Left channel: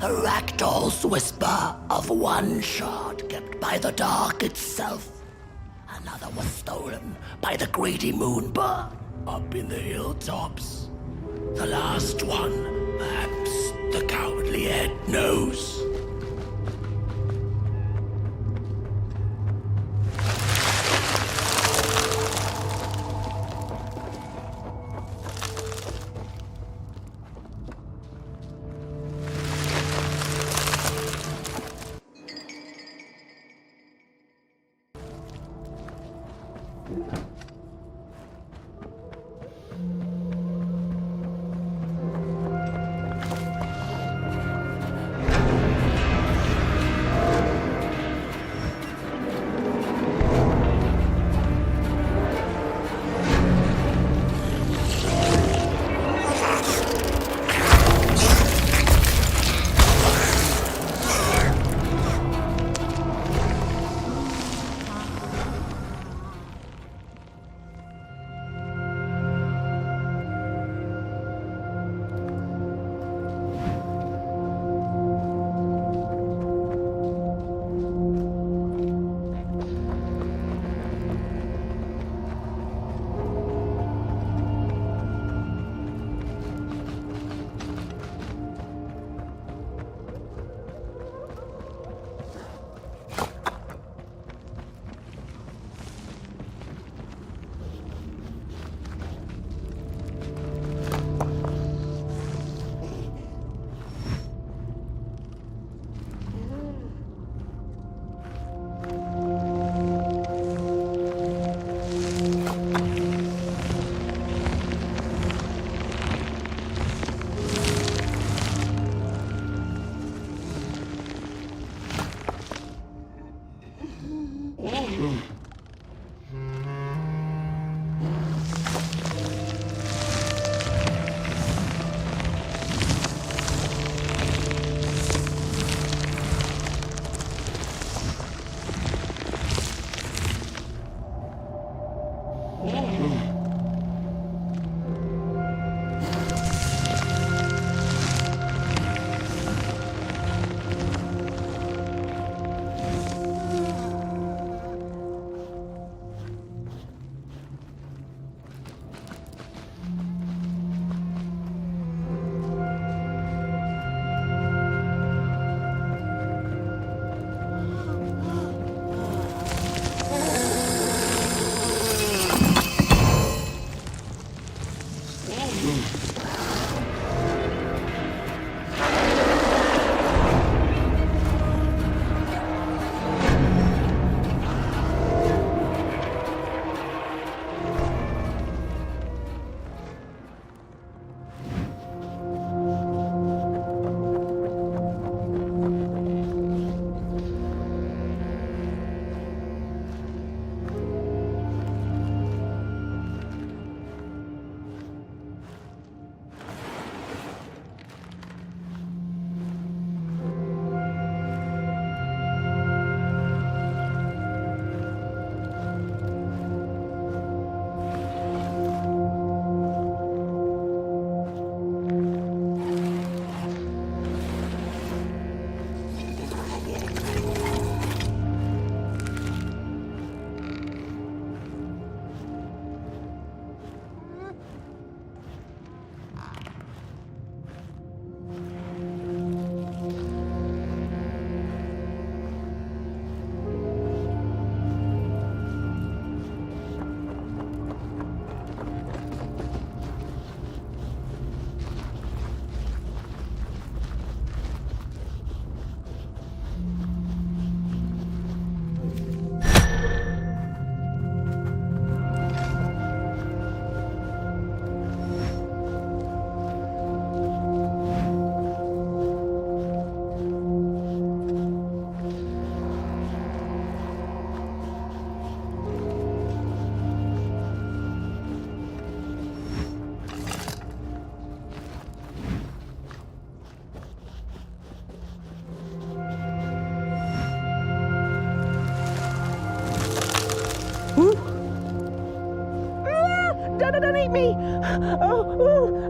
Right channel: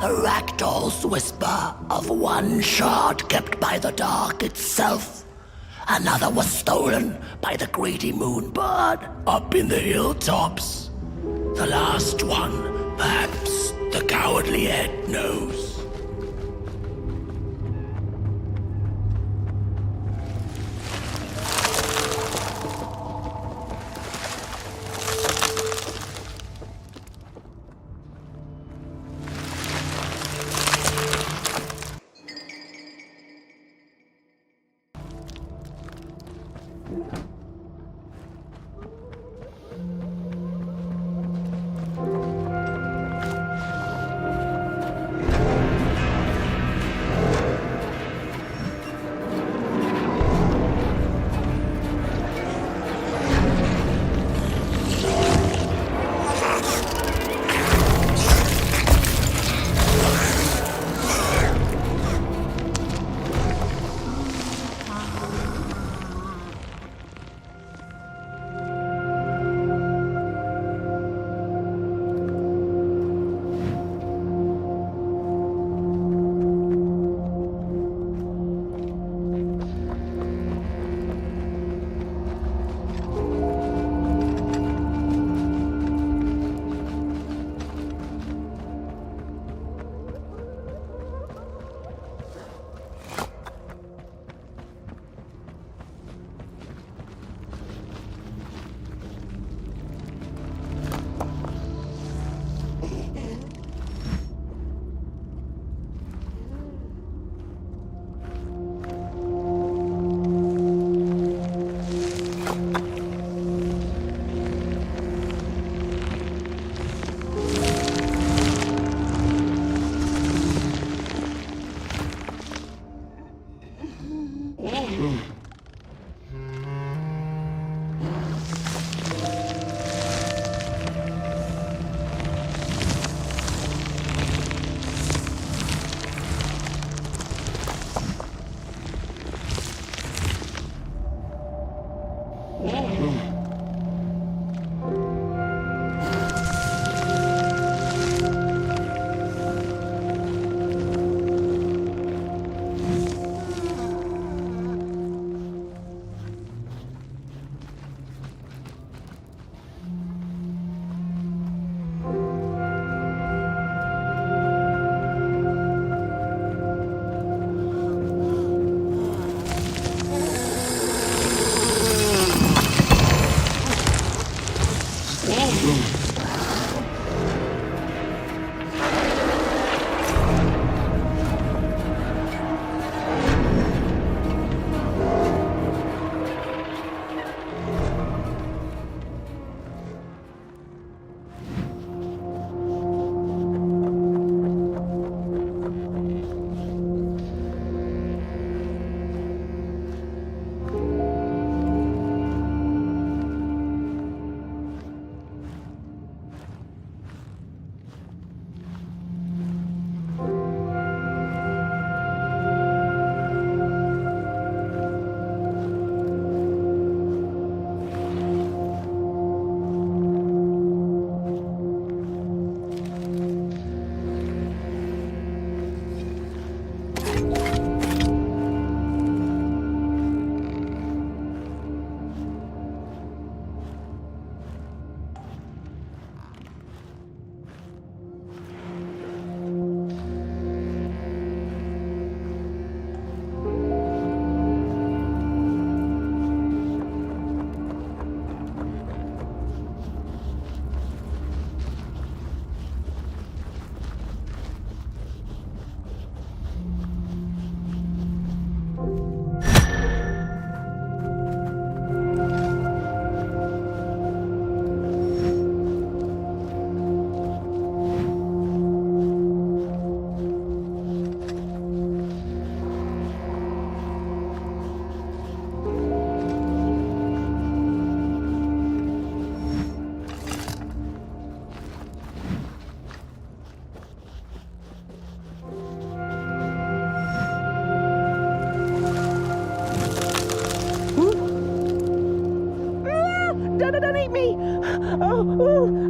A ragdoll's whisper of one shard kept by the dark itself. Another was stolen by the greedy moonbird up in the hilltops. The last one, perhaps the cowardly head knows.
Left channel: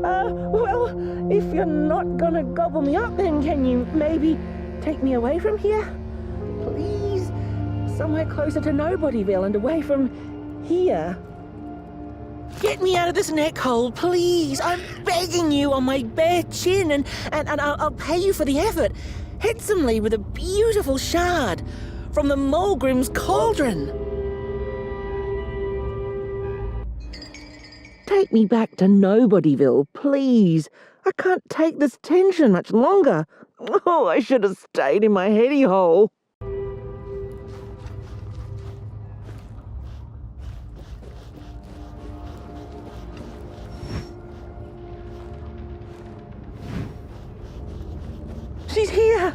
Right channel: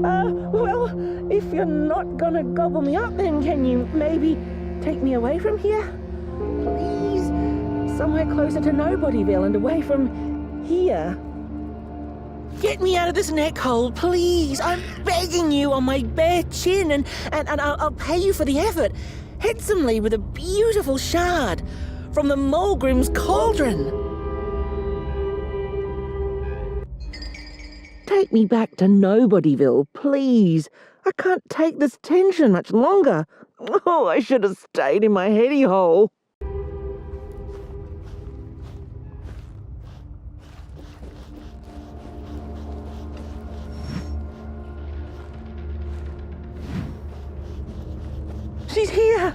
Well, if you're not gonna gobble me up, then can you maybe take me away from here? Please? Somewhere closer to Nobodyville and away from here. Get me out of this neck hole, please. I'm begging you on my bare chin, and I'll pay you for the effort. Handsomely with a beautiful shard from the Mulgrim's cauldron. Take me back to Nobodyville, please. I can't take this tension much longer. Oh, I should have stayed in my heady hole. She's here!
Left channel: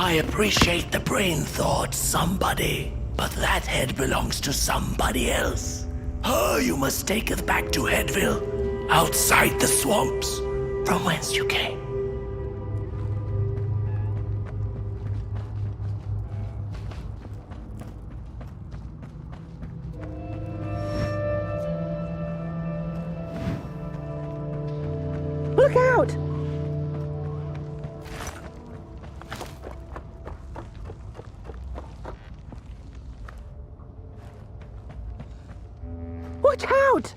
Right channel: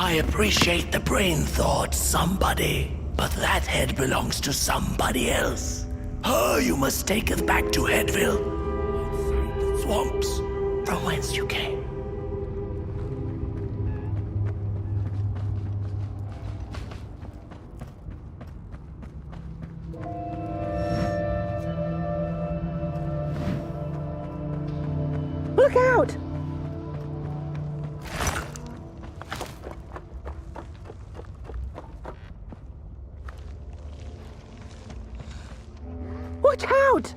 I appreciate the brain thought, somebody, but that head belongs to somebody else. Oh, you must take us back to Headville, outside the swamps, from whence you came. Look out! Watch out!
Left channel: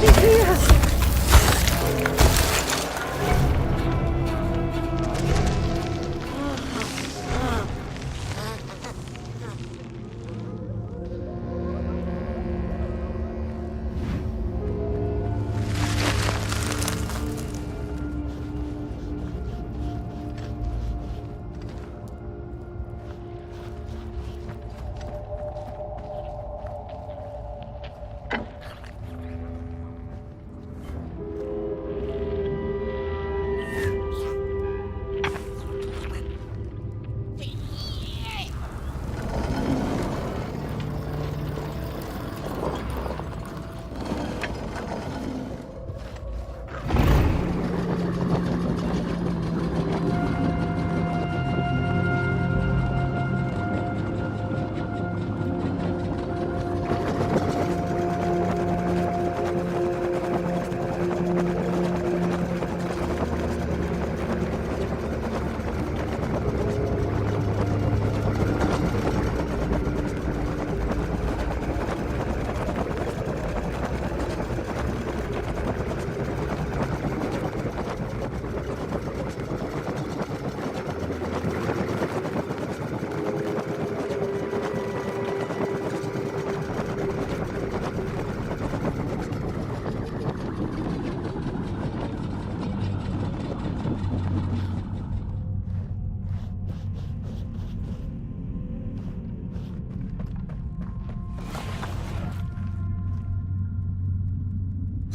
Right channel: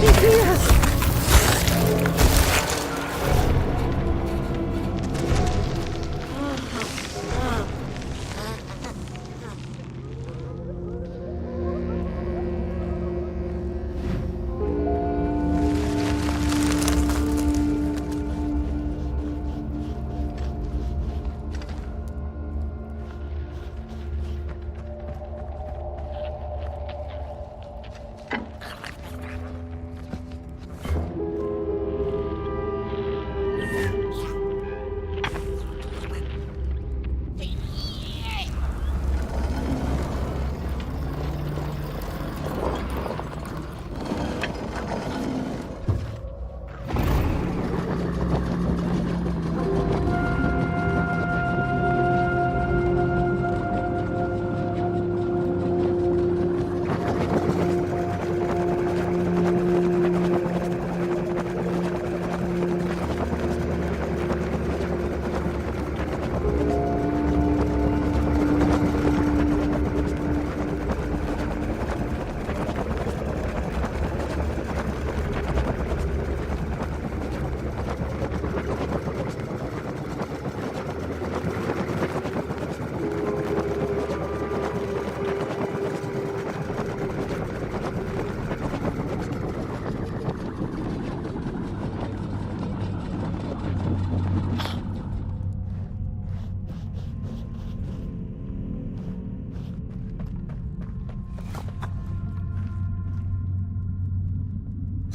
She's here!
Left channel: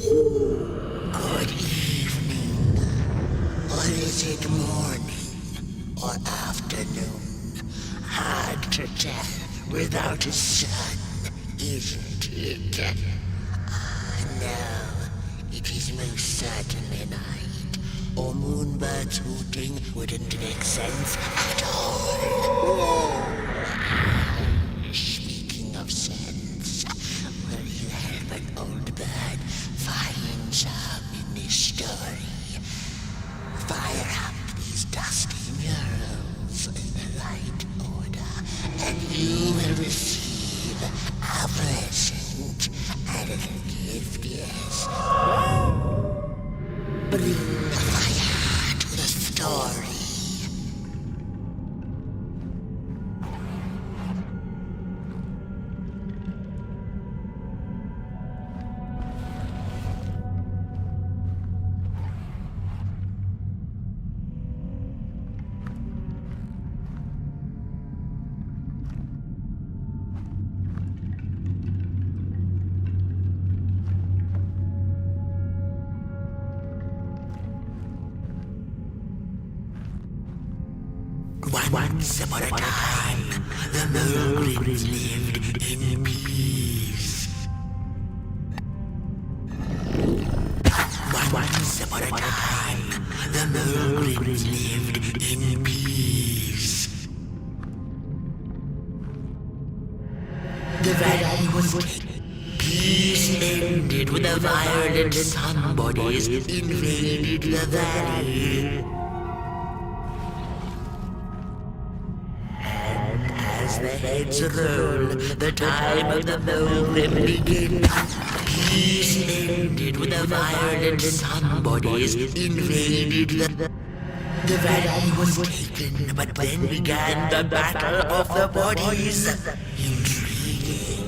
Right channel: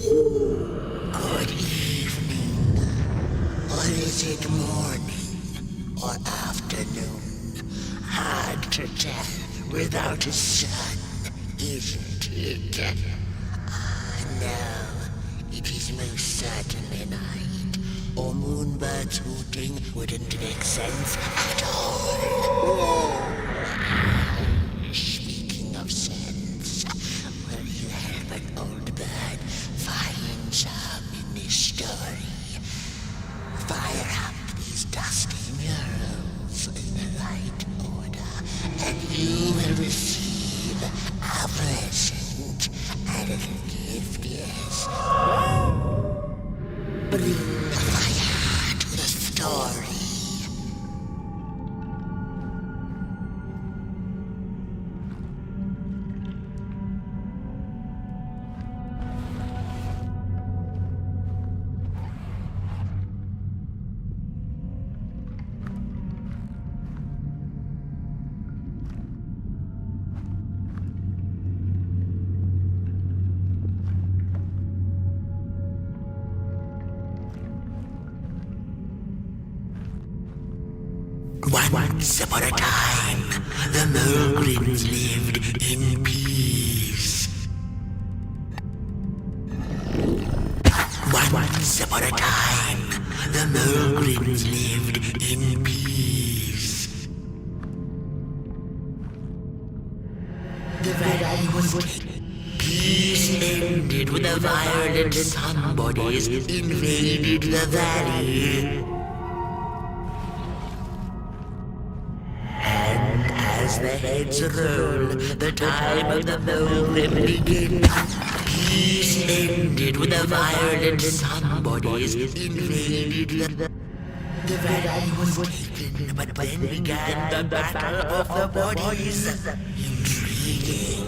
Good evening. Or is it morning or afternoon? Hard to tell without a sun, isn't it? No, it is most certainly night, or moonbirds hooting wouldn't make sense at all. Speaking of sense, will you help an old bird find some in this story? Fire up these dusty murals in the right order, and you will receive a present, a little gift, yes. Bring fire to the story. Once upon a time, the Mulgrims lived in peace. Once upon a time, the Mulgrims lived in peace. The valley was taken. Peace ended when the violent somebodies invaded the valley. As the heads roll, the time of the Mulgrim begins. Peace ended when the violent somebodies invaded the valley was taken, but then began the battle of the bodies. Intriguing.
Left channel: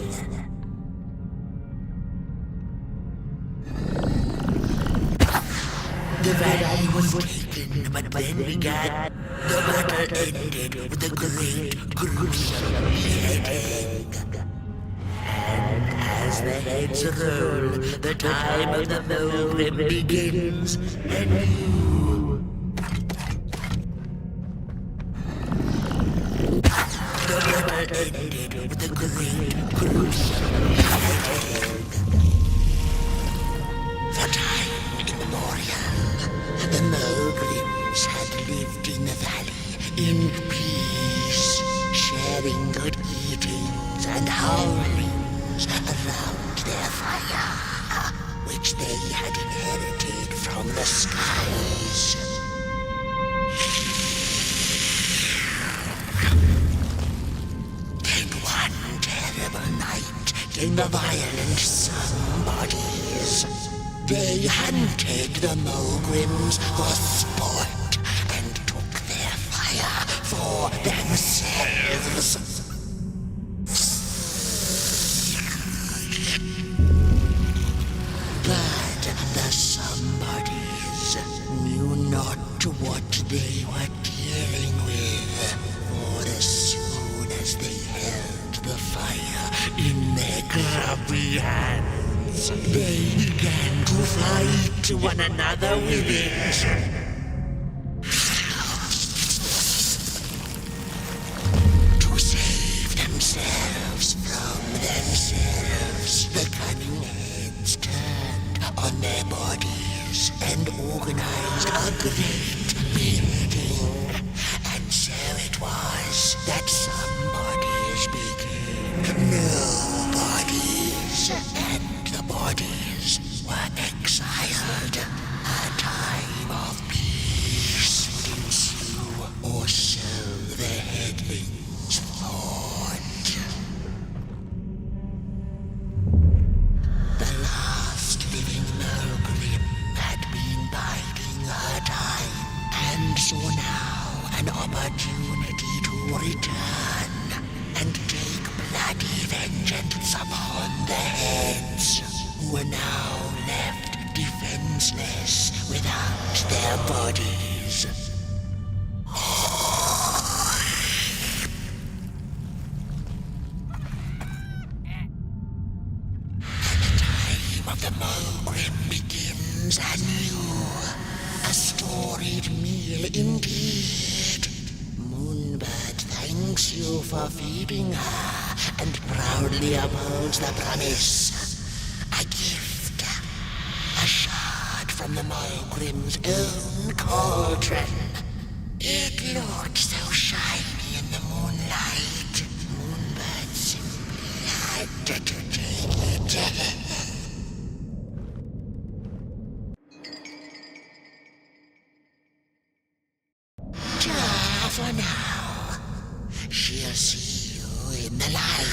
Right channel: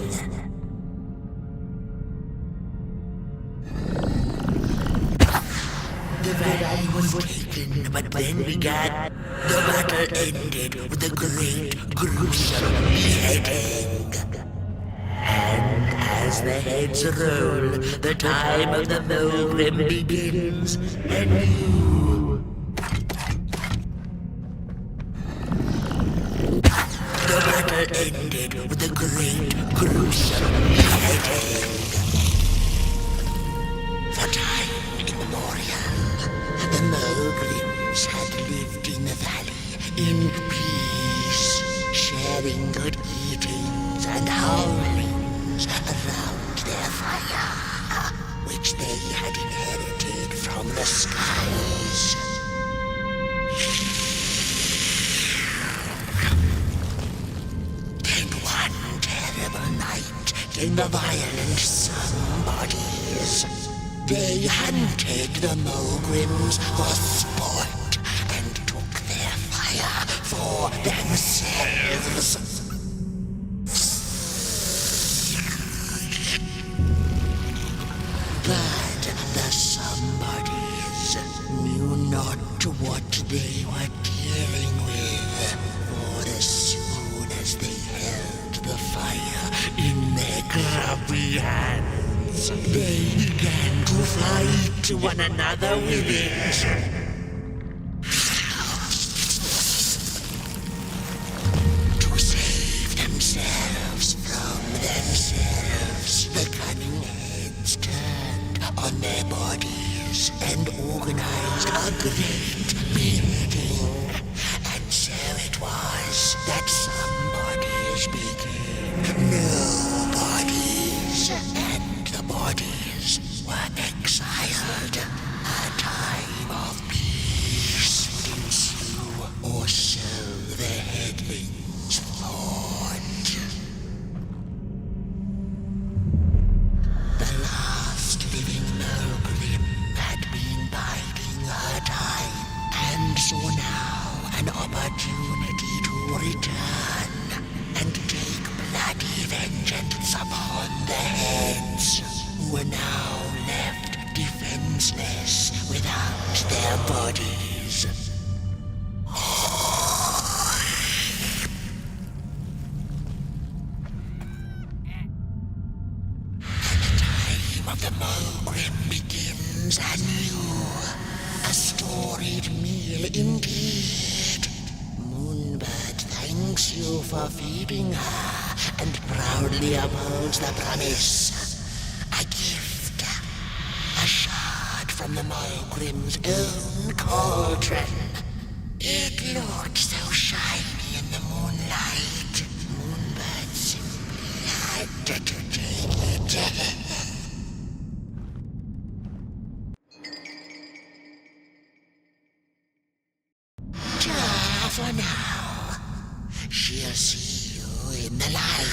The valley was taken, but then began. The battle ended with a great, gruesome beheading. And as the heads roll, the time of the Mulgrim begins anew. The battle ended with a great, gruesome beheading. For time immemorial, the Mulgrims had lived in the valley in peace, sharing good eatings and howlings around their fire, which they had inherited from the skies. Then one terrible night came the violent somebodies. They hunted the Mulgrims for sport and took their fire for themselves. But the somebodies knew not what they were dealing with, for as soon as they held the fire in their grubby hands, they began to fight one another with it. To save themselves from themselves, the cunning heads turned on their bodies and organized a great beheading. And so it was that somebodies became nobodies, and the bodies were exiled. A time of peace would ensue, or so the headlings thought. The last living Mulgrim had been biding her time, and saw now an opportunity to return and take bloody vengeance upon the heads, who were now left defenseless without their bodies. The time of the Mulgrim begins anew. A storied meal indeed. Moonbird thanks you for feeding her and proudly upholds the promise. A gift. A shard from the Mulgrim's own cauldron. It looked so shiny in the moonlight. Moonbird simply had to take it. For now, she'll see you in the light.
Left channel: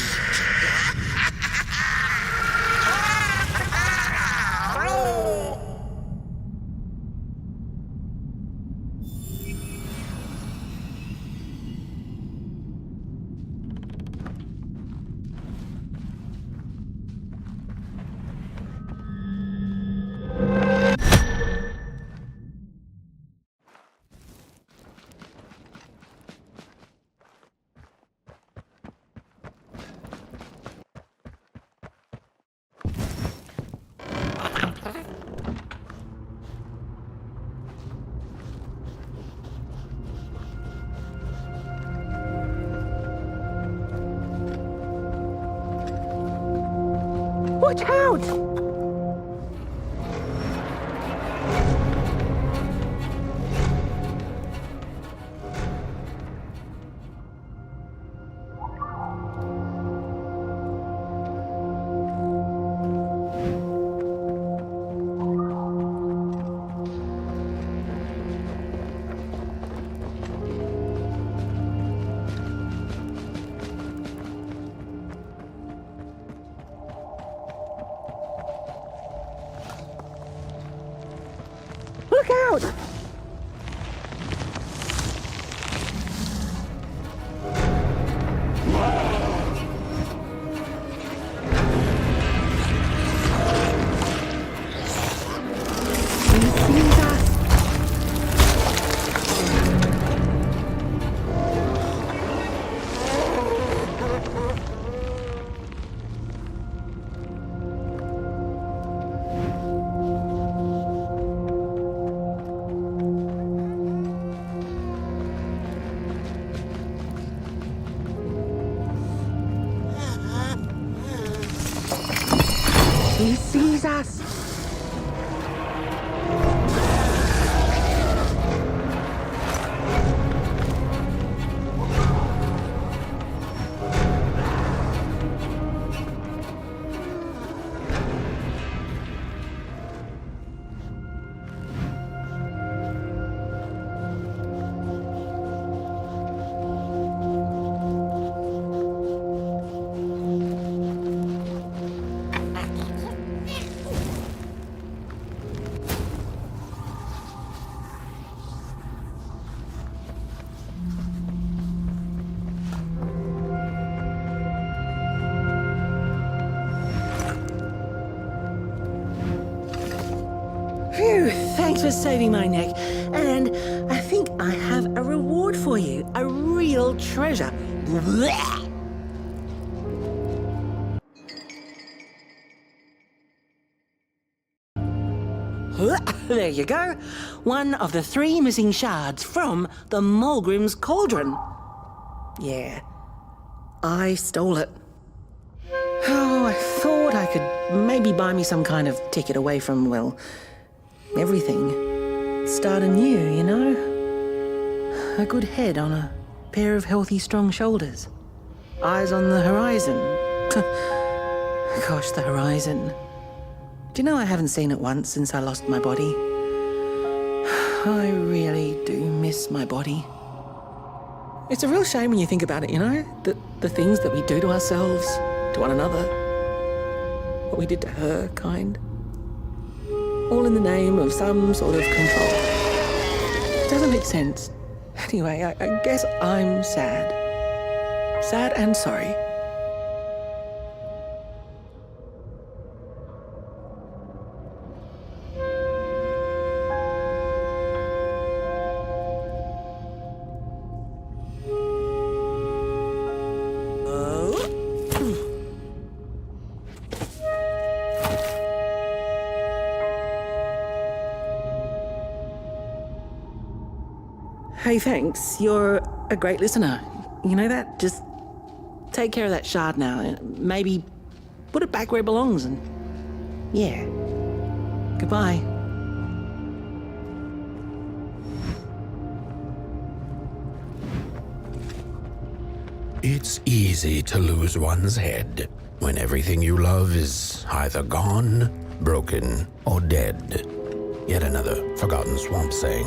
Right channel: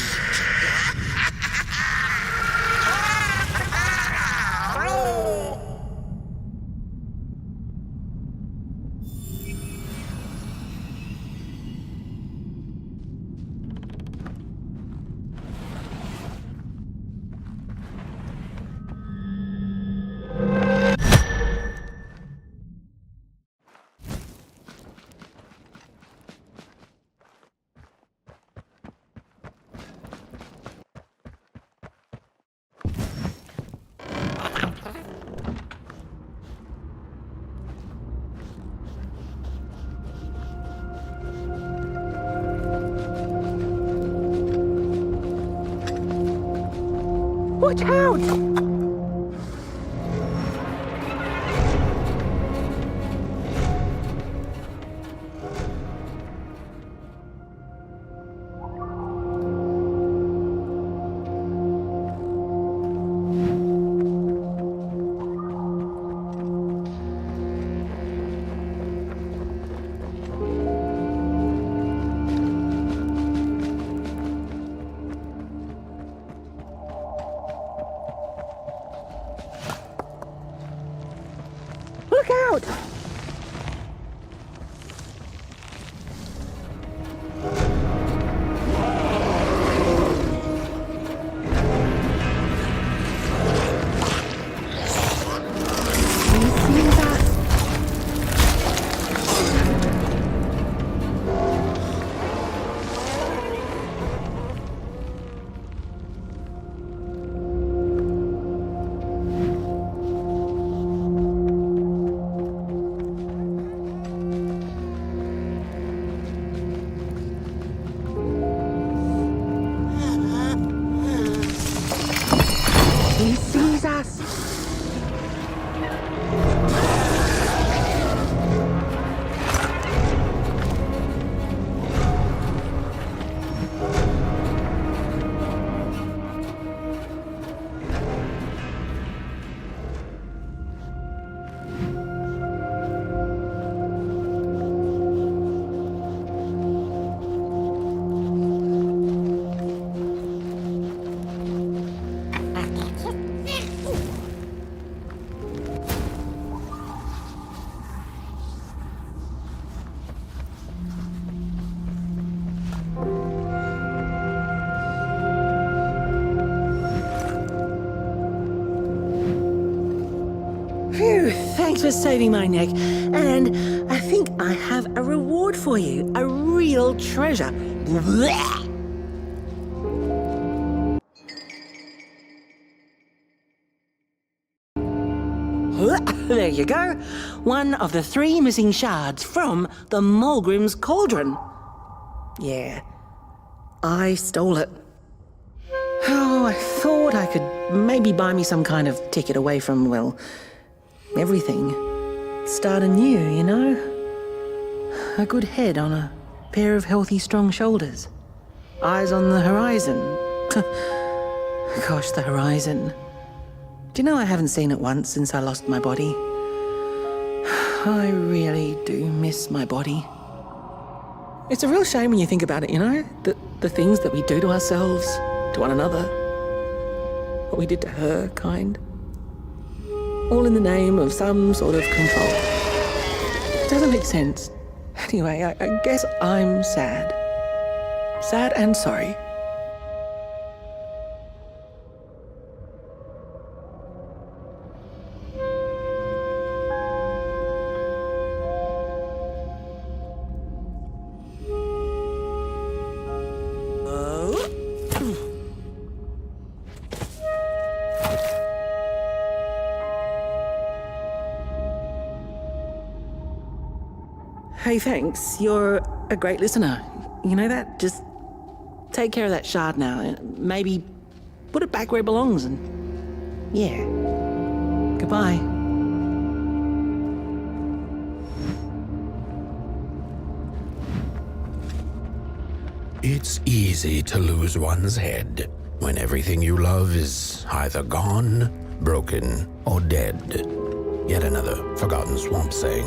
Watch out! Look out! He sees us. He sees us. Phew, thanks for saving my neck. And I think I have a reward for you. A real treasure. Blech. There you go. One of the 3 missing shards from the Mulgrim's Cauldron. Yeah, I stole it. Oh, I thought I could maybe buy me some kind of ticket away from, well, everything. Start anew, you know? A good head on a pair of healthy, strong shoulders. Eyes on the horizon. Gosh, the horizon. Do you know I haven't seen it once since I lost my body? I really do miss my body. It's a real shame when you think about it, you know? The things that we do to ourselves, to one another. What we did to her, kind. All in the name of some sort of control. It doesn't make sense. Anyway, I guess I'm sad. Sad and sorry. Hey, thanks. You're a great listener. You know that? Just take care of that shard now and maybe put it back where it belongs and... yeah. Goodbye. It's easy to lose one's head when everything you love is either gone, broken, or dead. Yet another forgotten swamp saying.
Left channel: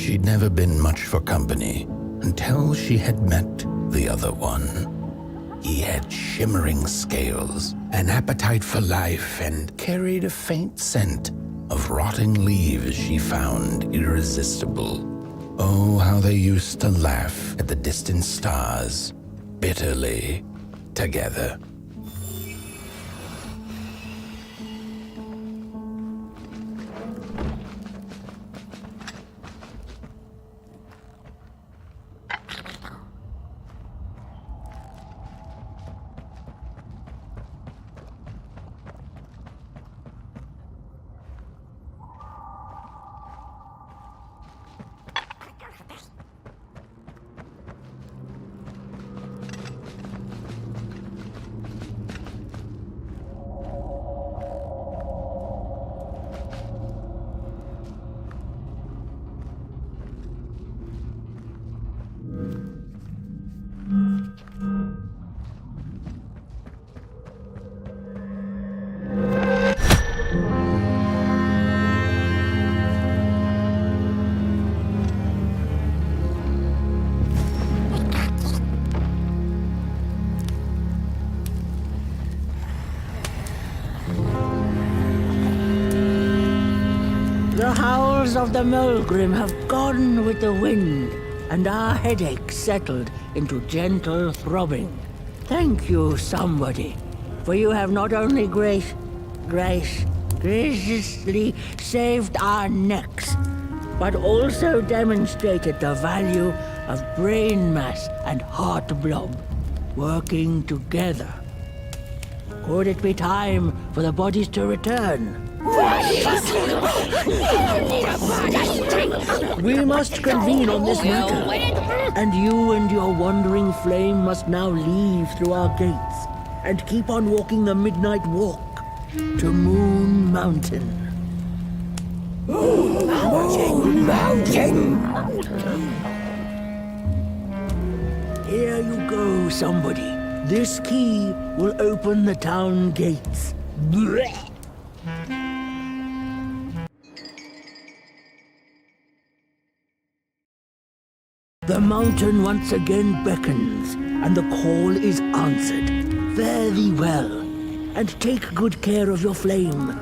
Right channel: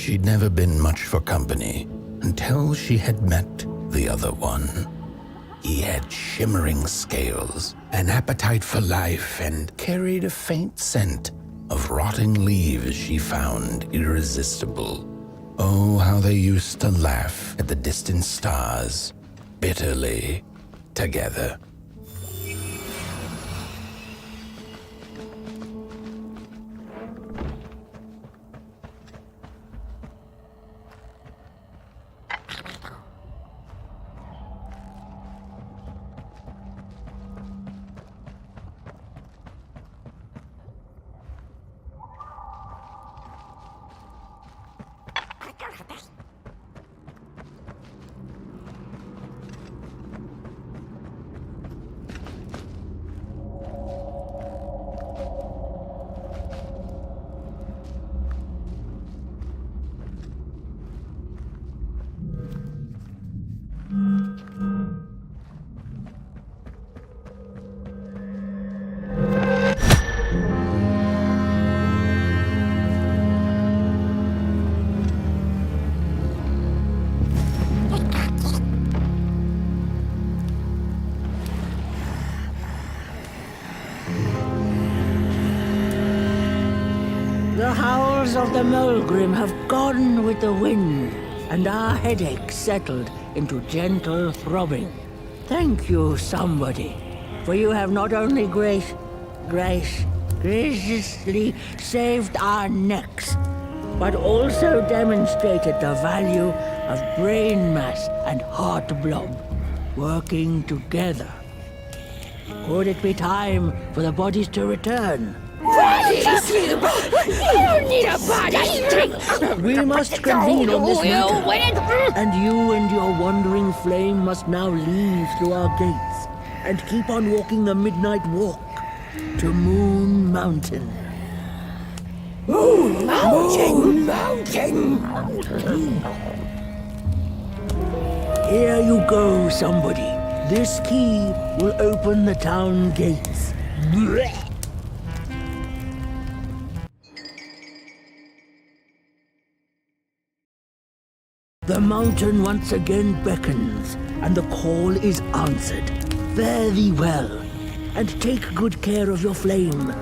She'd never been much for company until she had met the other one. He had shimmering scales, an appetite for life, and carried a faint scent of rotting leaves she found irresistible. Oh, how they used to laugh at the distant stars, bitterly, together. The howls of the Mulgrim have gone with the wind, and our headache settled into gentle throbbing. Thank you, somebody, for you have not only graciously saved our necks, but also demonstrated the value of brain mass and heart blob working together. Could it be time for the bodies to return? We must convene on this matter, and you and your wandering flame must now leave through our gates and keep on walking the midnight walk to Moon Mountain. Moon Mountain! Here you go, somebody. This key will open the town gates. Blech. The mountain once again beckons, and the call is answered. Fare thee well, and take good care of your flame.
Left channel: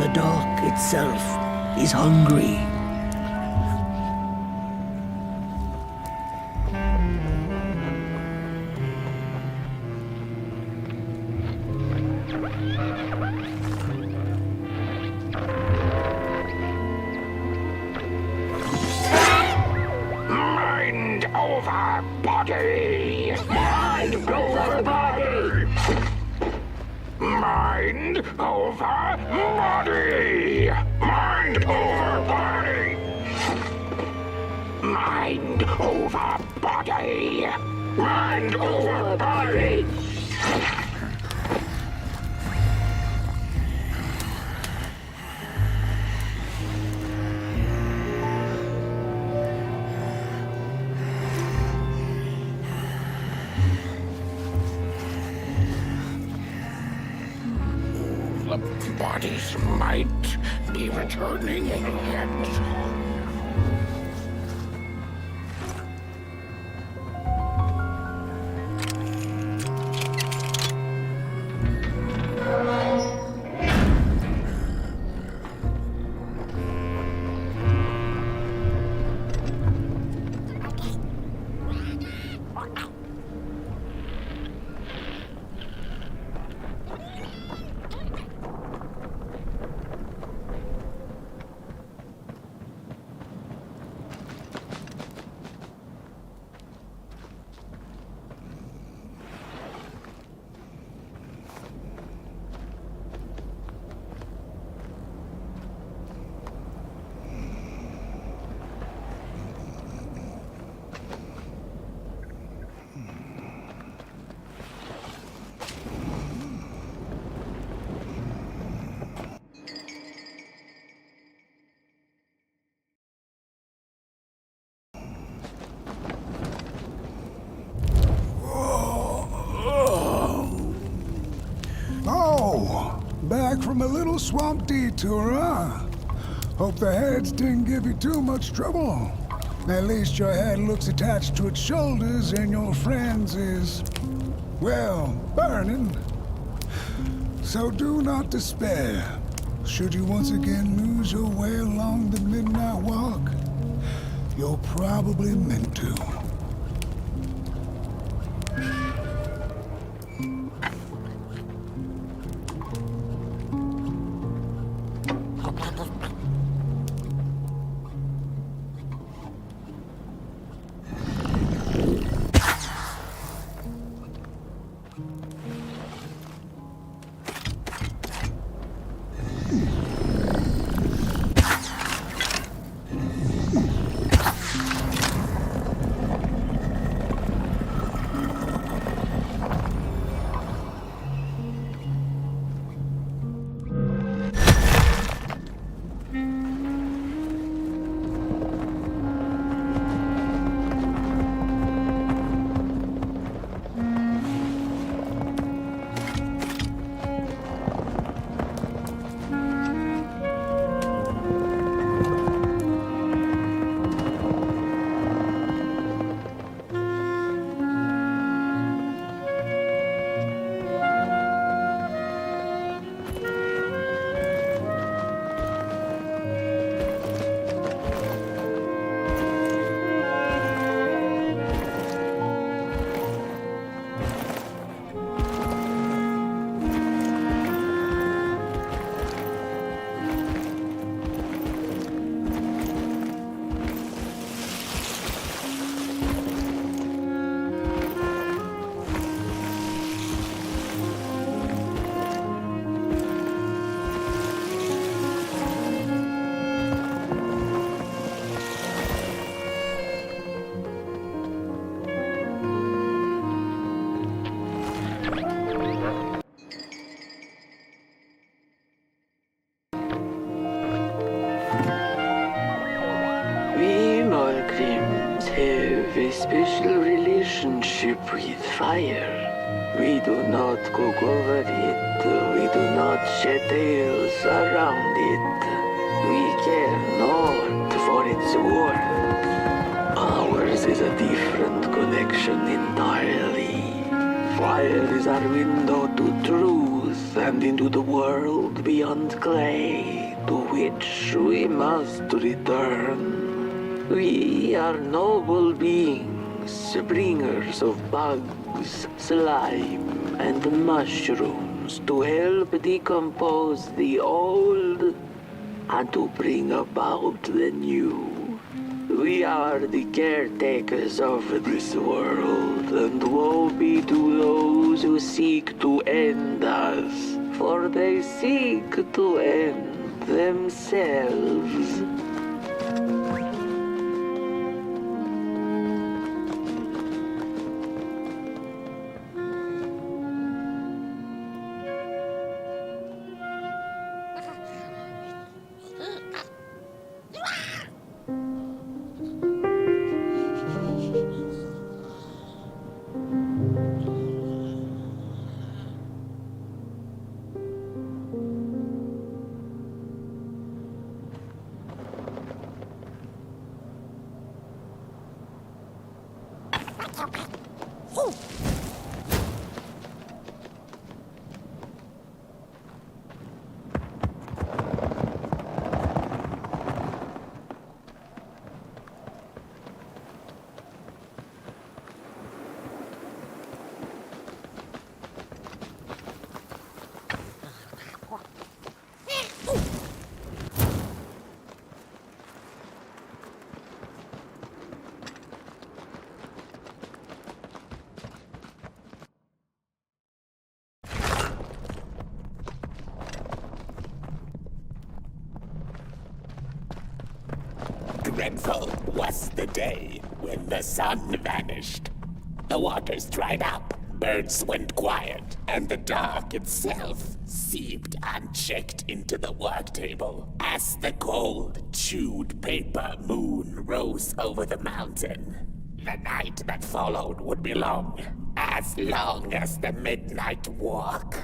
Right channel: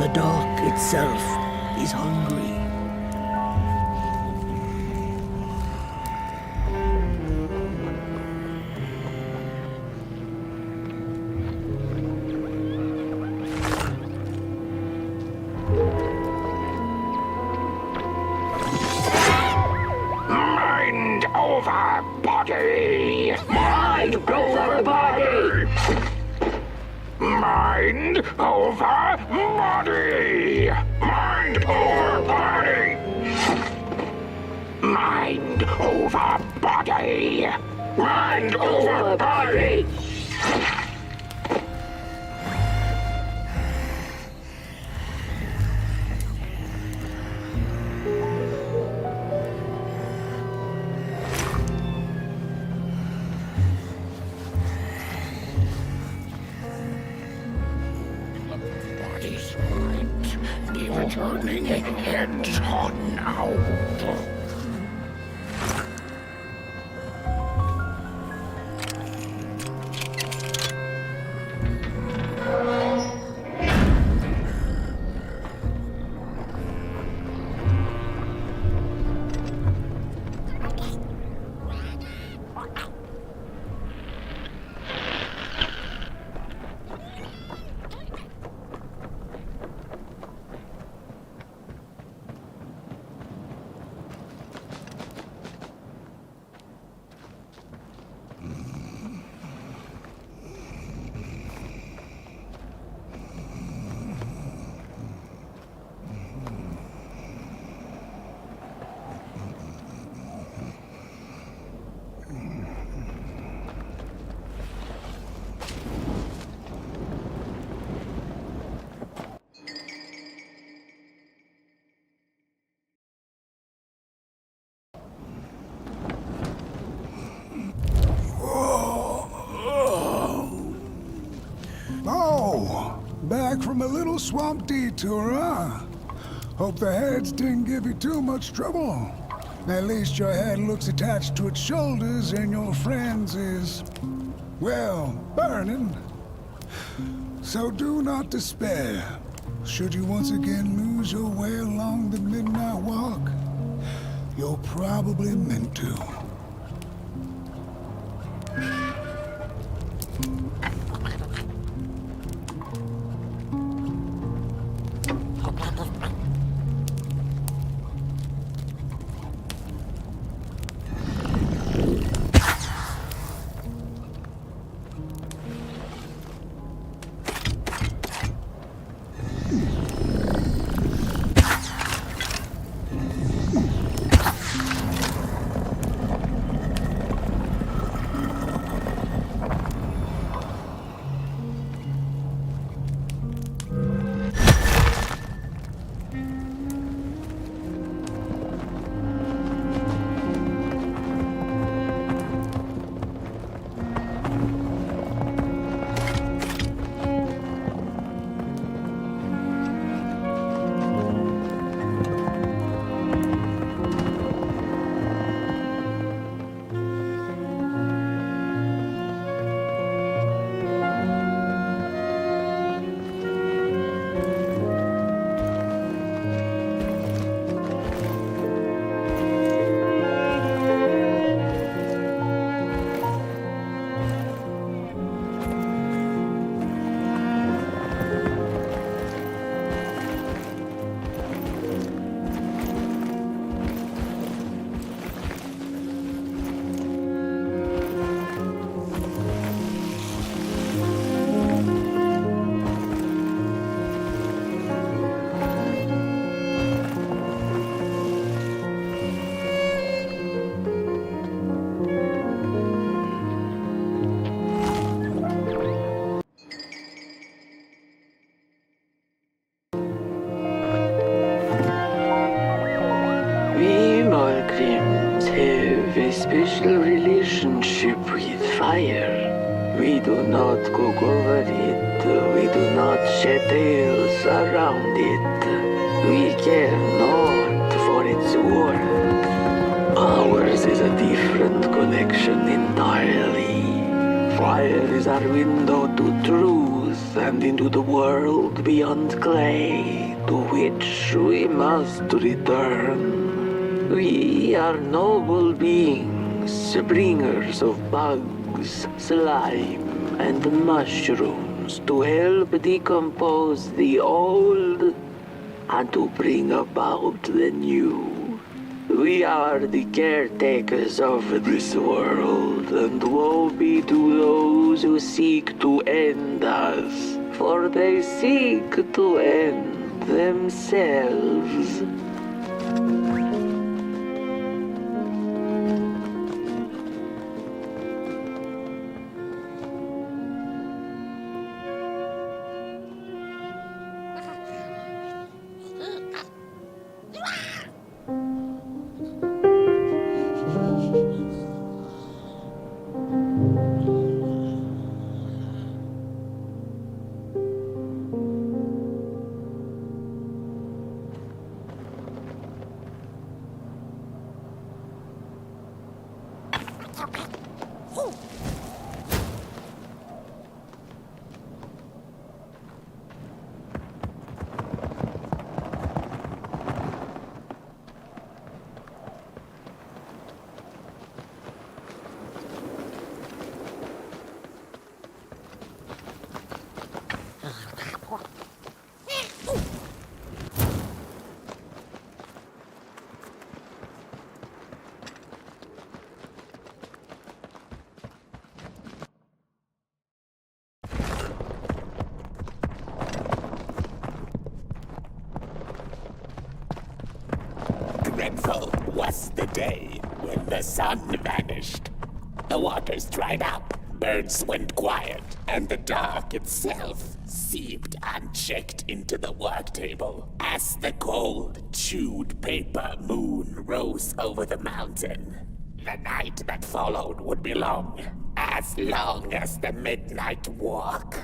The dark itself is hungry. Mind over body! Mind over body! Mind over body! Mind over body! Mind over body! Mind over body! The bodies might be returning ahead now. Oh, back from a little swamp detour, huh? Hope the heads didn't give you too much trouble. At least your head looks attached to its shoulders and your friend's is, well, burning. So do not despair. Should you once again lose your way along the Midnight Walk, you're probably meant to. We Malgrims have a special relationship with fire. We do not cook over it. We do not shed tales around it. We care not for its warmth. Ours is a different connection entirely. Fire is our window to truth and into the world beyond clay, to which we must return. We are noble beings, bringers of bugs, slime, and mushrooms to help decompose the old and to bring about the new. We are the caretakers of this world, and woe be to those who seek to end us, for they seek to end themselves. Dreadful was the day when the sun vanished. The waters dried up, birds went quiet, and the dark itself seeped unchecked into the work table as the cold, chewed paper moon rose over the mountain. The night that followed would be long as the Midnight Walk.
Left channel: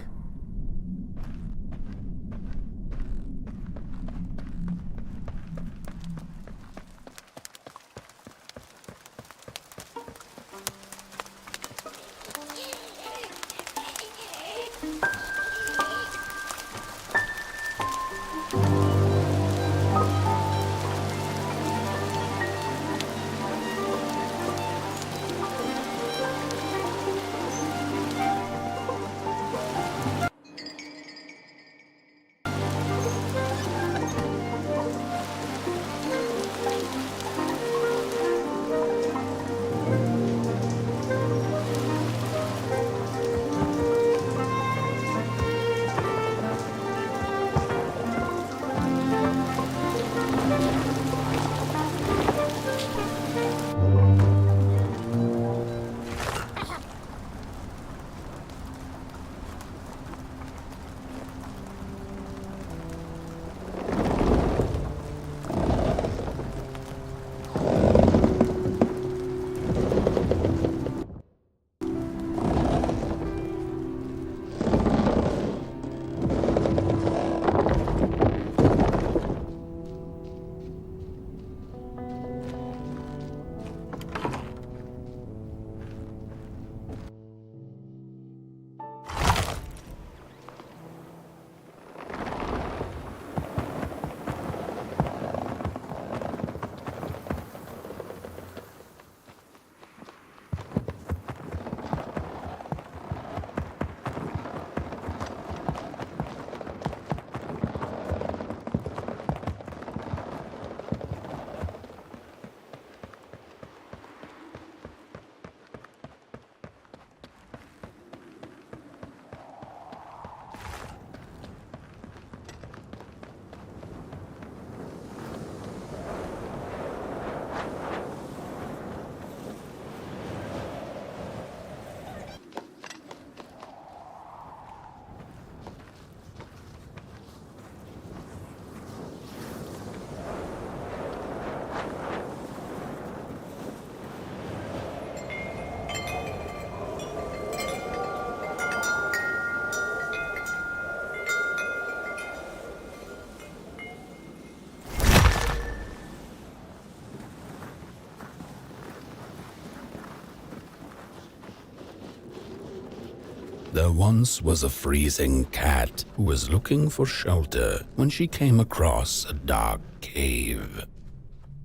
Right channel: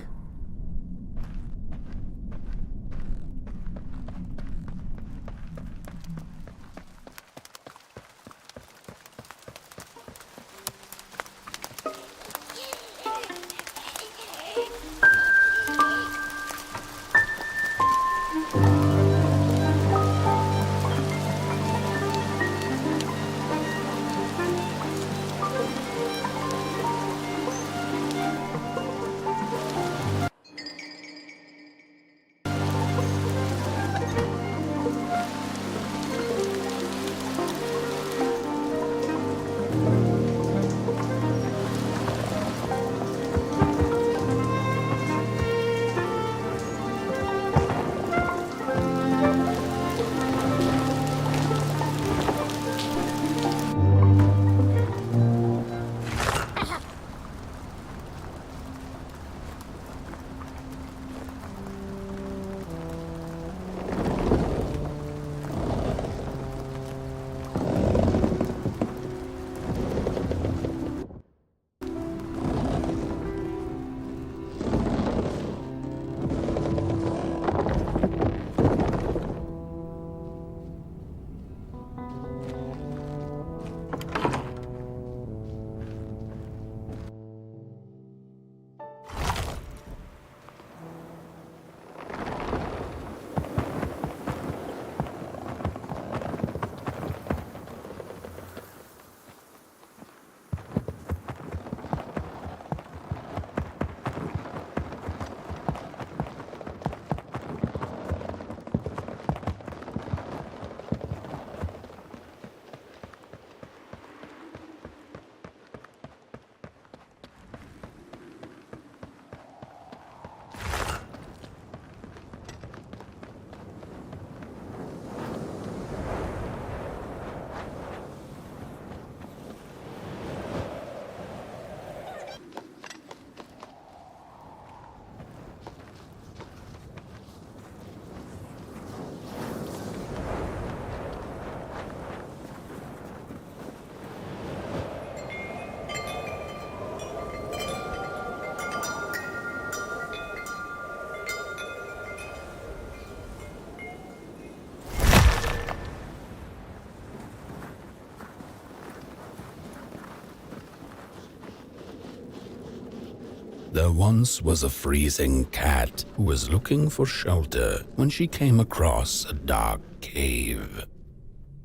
There once was a freezing cat who was looking for shelter when she came across a dark cave.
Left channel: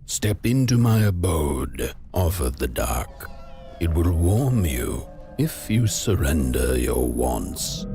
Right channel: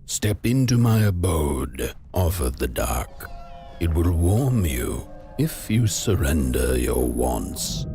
"Step into my abode," offered the dark. "It will warm you if you surrender your wants."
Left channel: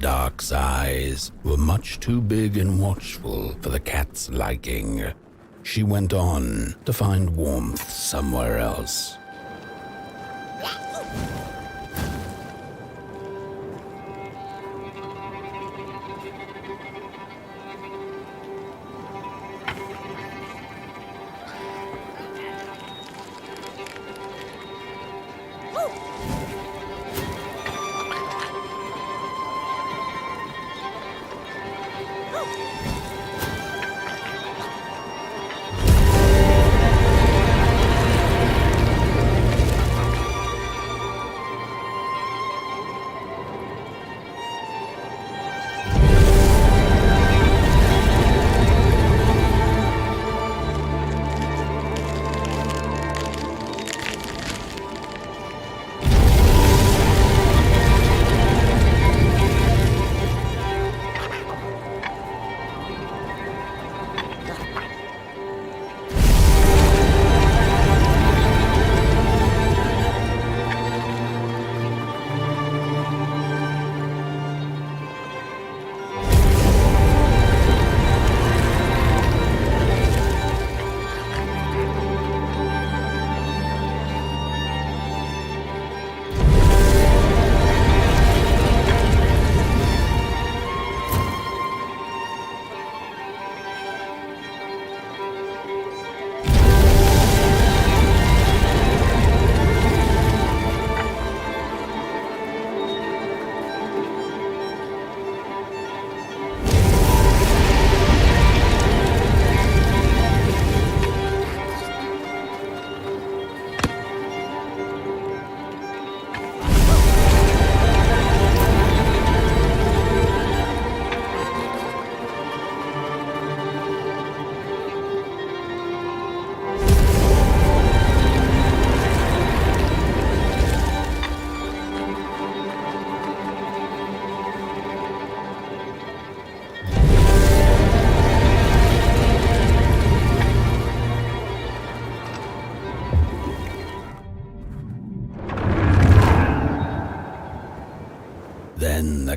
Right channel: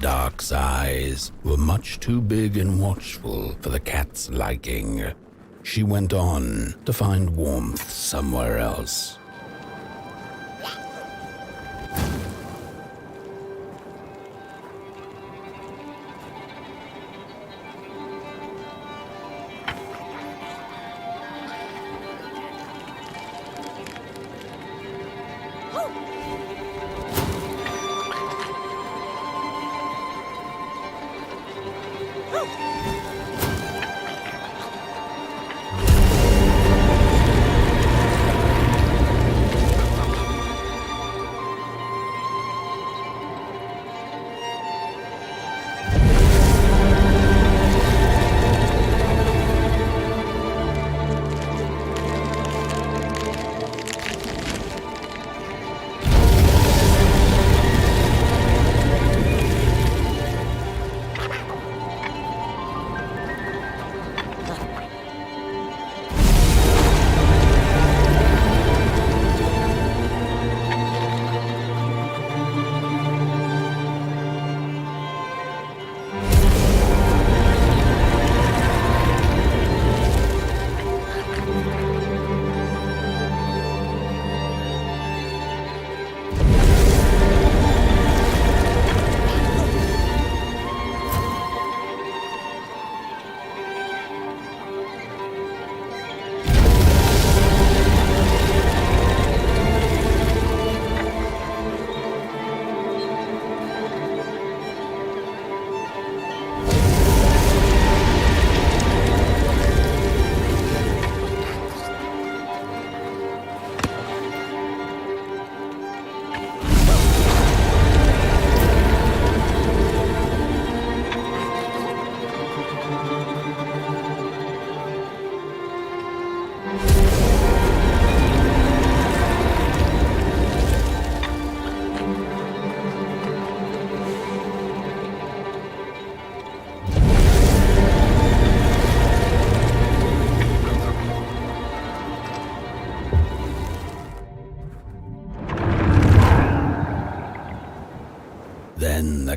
Dark's eyes were much too big and watchful for the cat's liking. She went on to find warmth somewhere else.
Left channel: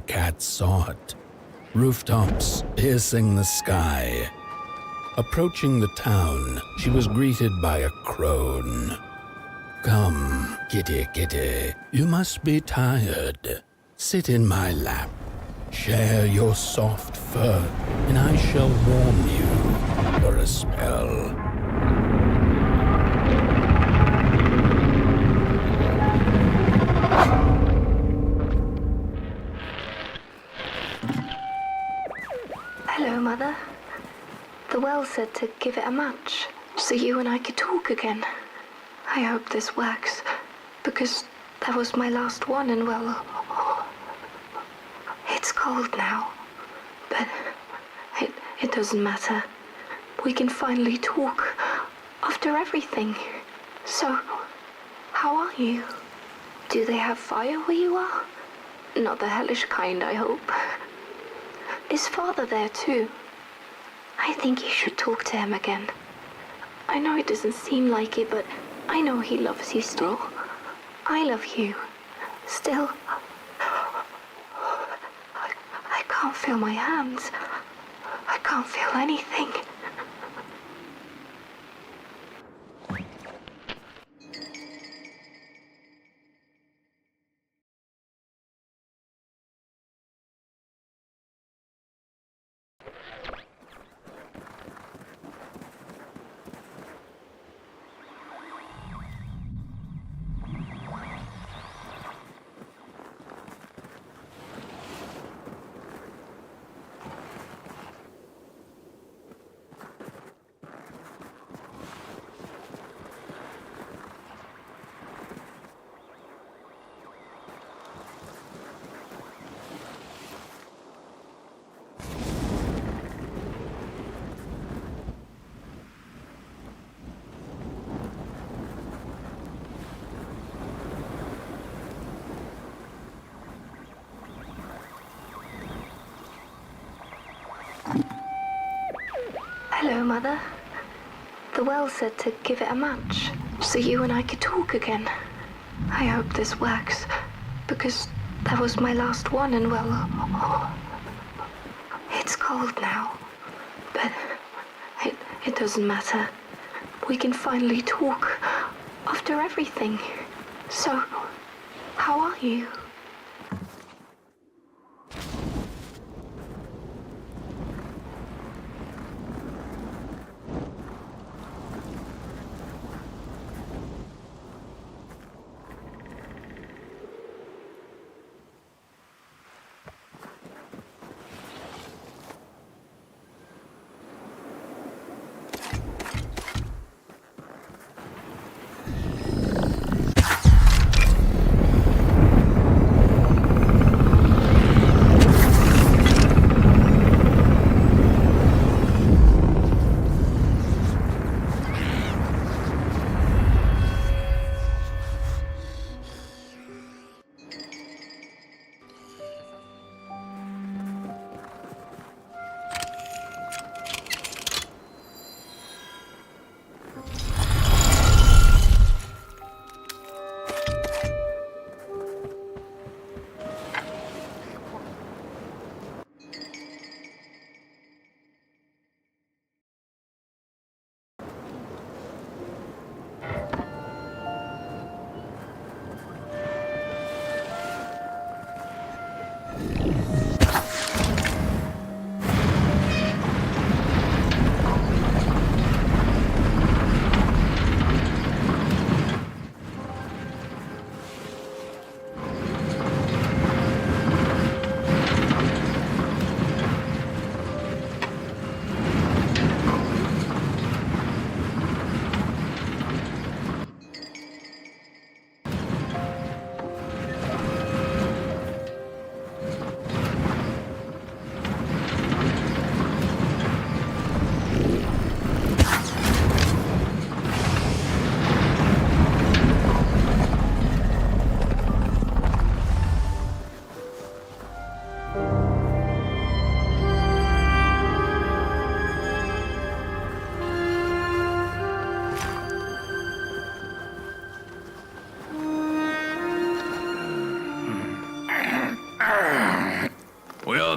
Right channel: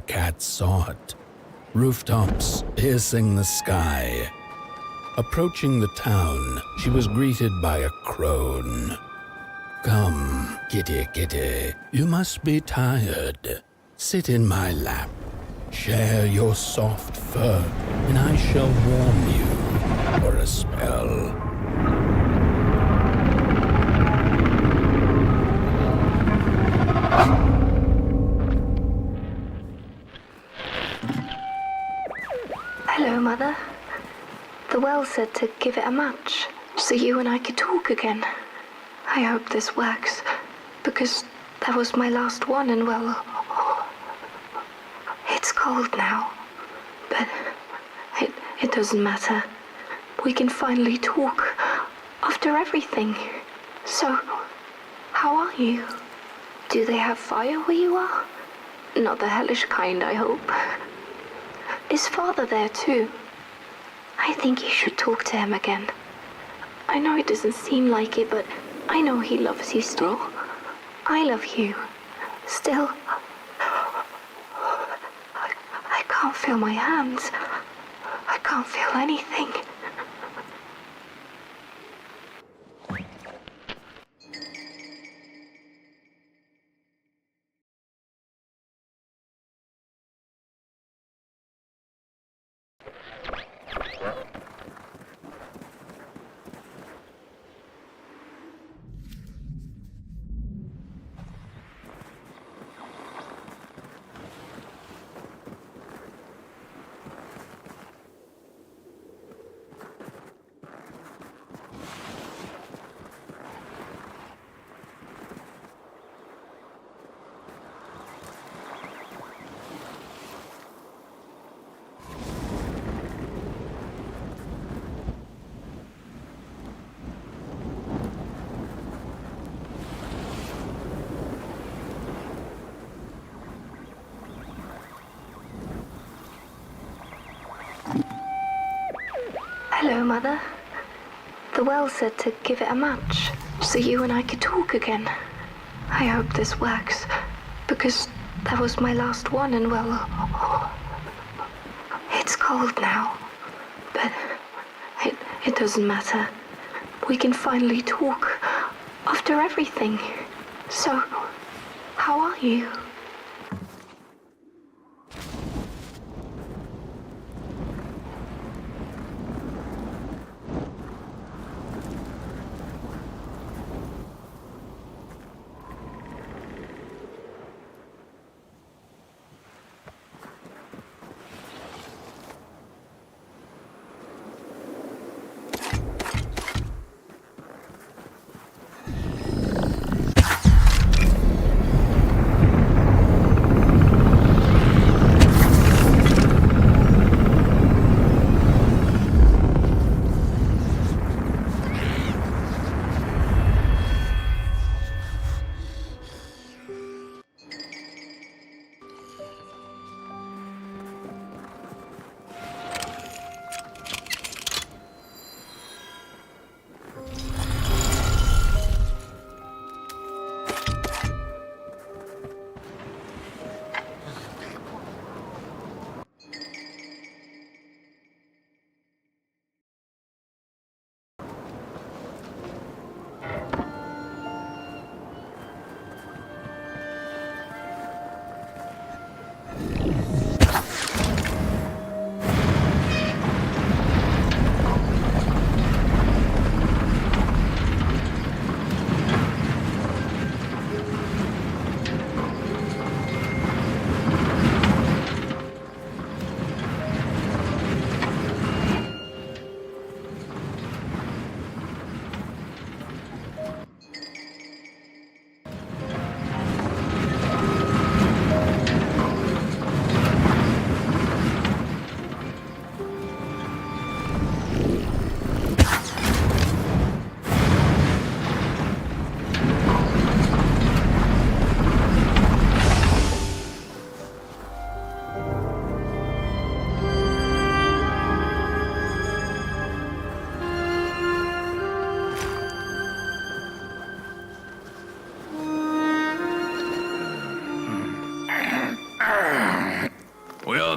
cat saw it. Rooftops piercing the sky. Approaching the town, she was greeted by a crone. Come, kitty, kitty, you must be tired. Sit in my lap. Share your soft fur, and I shall warm you for a spell. Hello, Mother. The well said to give it a match, so you and I could talk again. I hope this works, because that was my last one, and well, it's cold now. But it doesn't matter. We can finally talk after everything. So, how are you? Do they have fire where you are? Not the hellish kind, I hope. Is Father there too? I think you should talk to him again. I know it doesn't seem like it, but I know he loves you still. I love you. Still. I can't feel my hands. I can't feel anything. Hello, Mother. The well said to give it a match, so you and I could talk again. I hope this works, because that was my last one, and well, it's cold now. But it doesn't matter. We can finally talk after everything. So, how are you?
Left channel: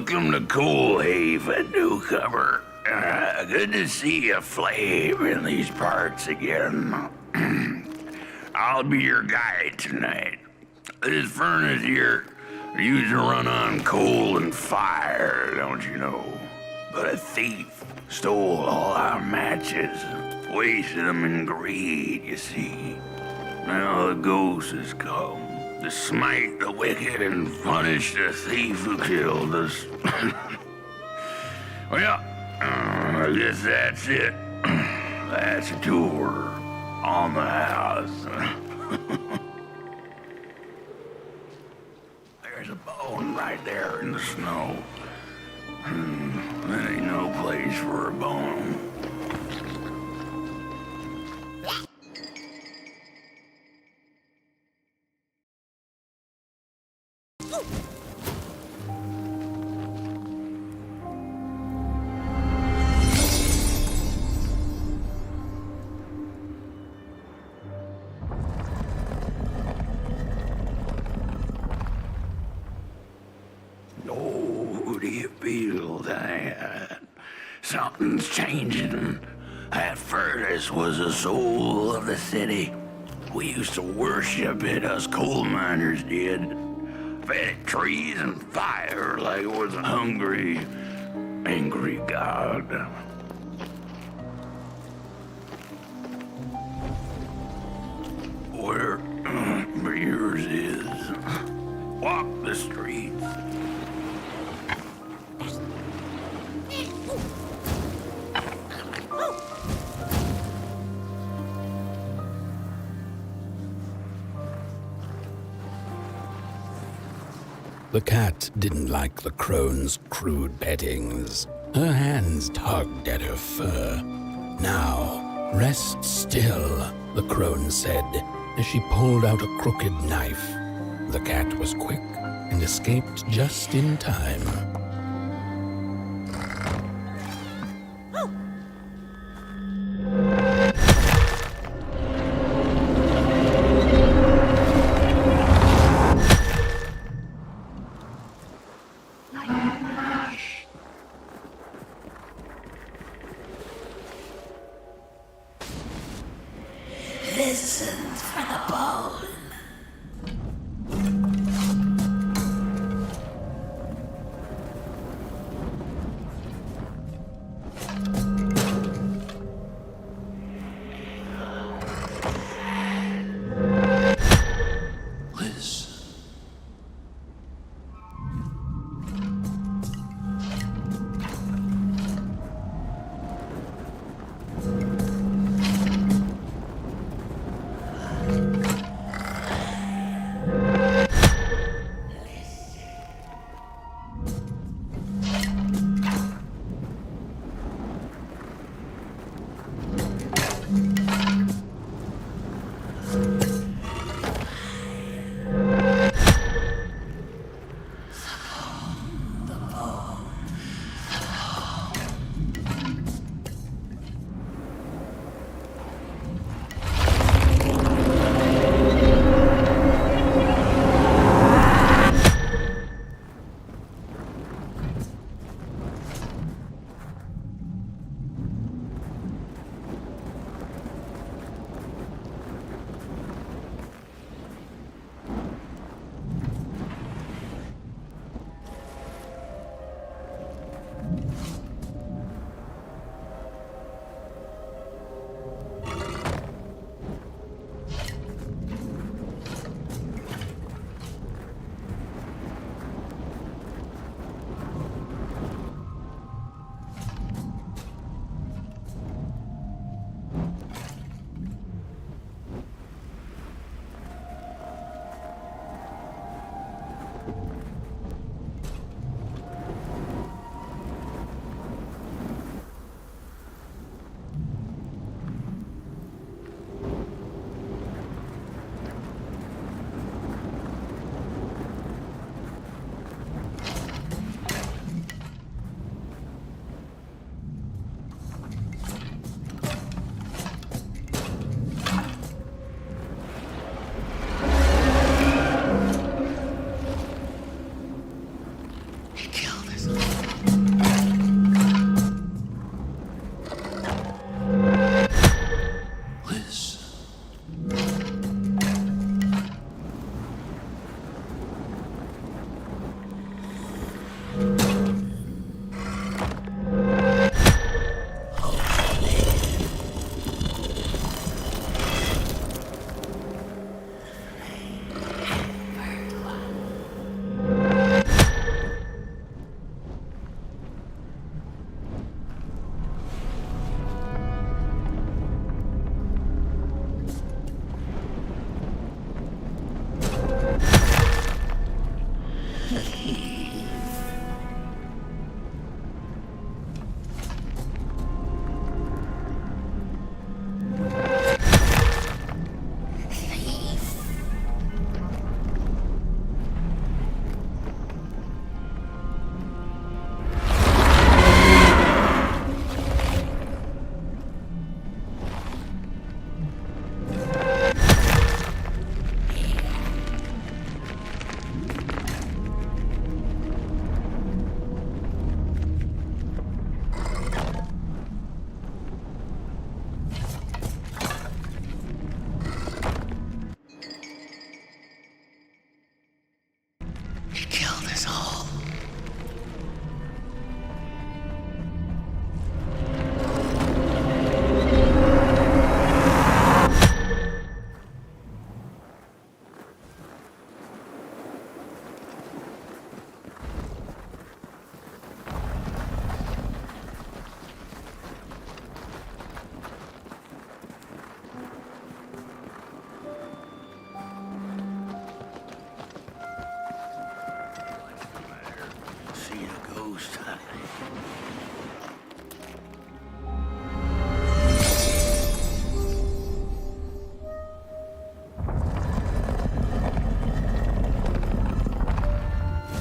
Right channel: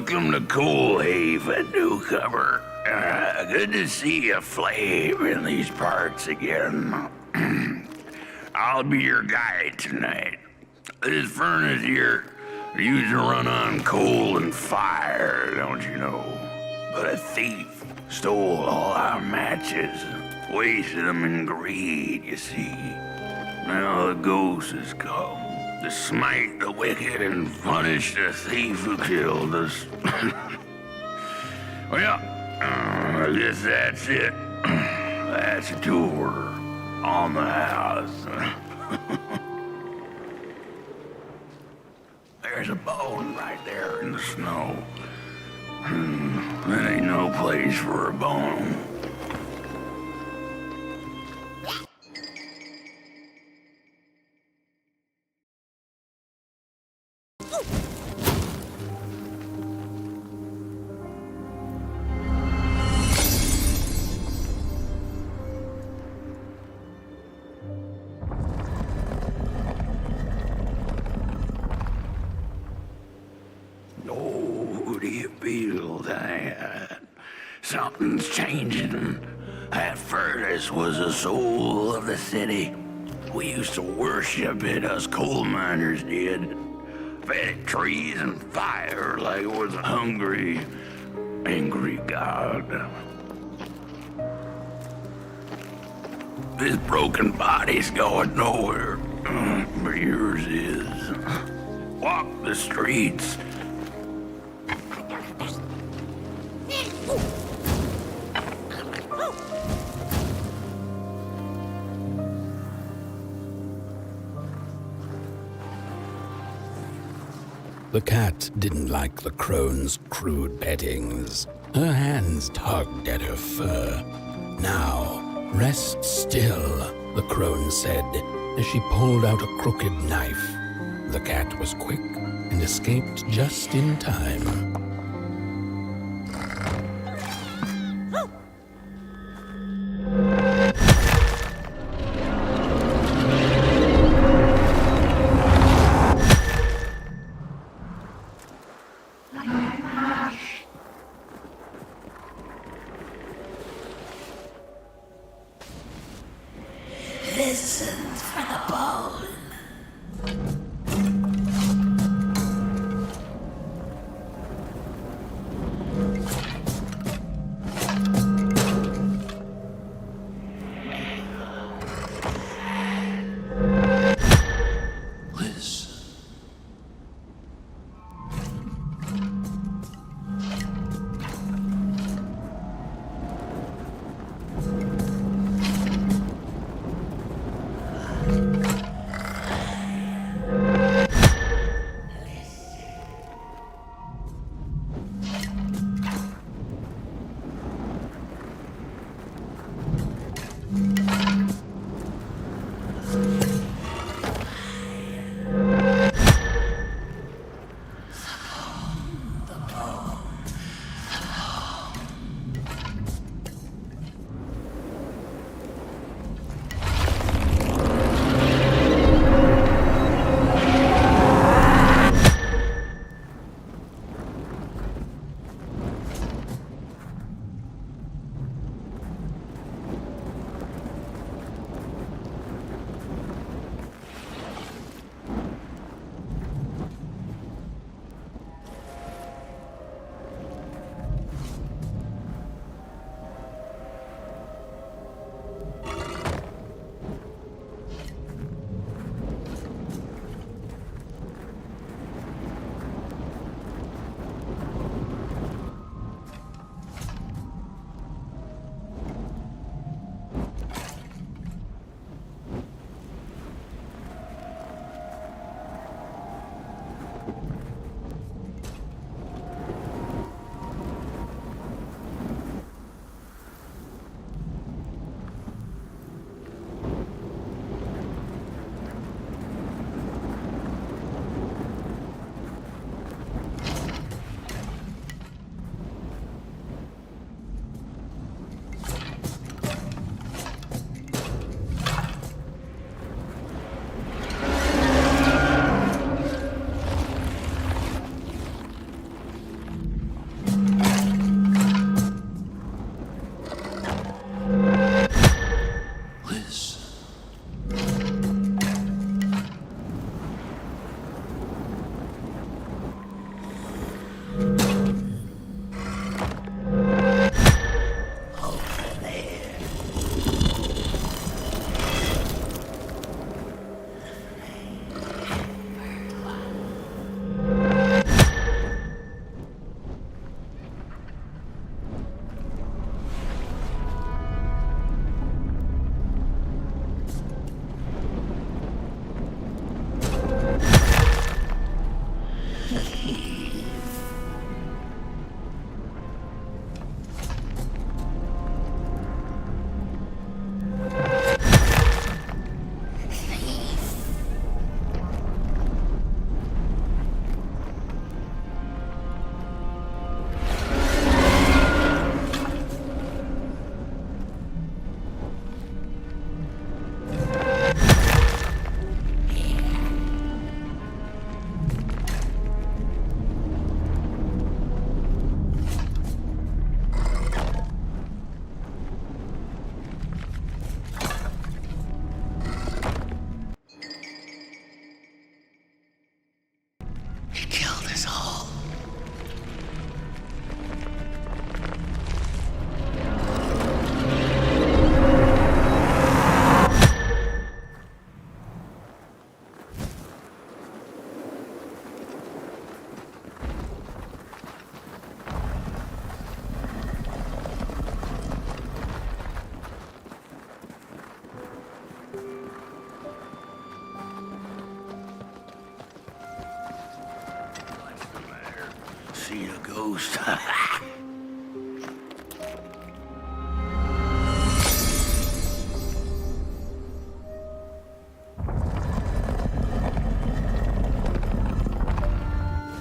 Welcome to Coalhaven, newcomer. Good to see a flame in these parts again. I'll be your guide tonight. This furnace here used to run on coal and fire, don't you know? But a thief stole all our matches, wasted them in greed, you see. Now the ghost has come to smite the wicked and punish the thief who killed us. Well, I guess that's it. That's a tour on the house. There's a bone right there in the snow. There ain't no place for a bone. Oh, do you feel that? Something's changing. That furnace was the soul of the city. We used to worship it, us coal miners did. Fed it trees and fire like it was a hungry, angry god. This broken body's going nowhere, but yours is. Walk the streets. The cat didn't like the crone's crude pettings. Her hands tugged at her fur. Now, rest still, the crone said, as she pulled out a crooked knife. The cat was quick and escaped just in time. Listen for the bone. Listen. seen a ghost.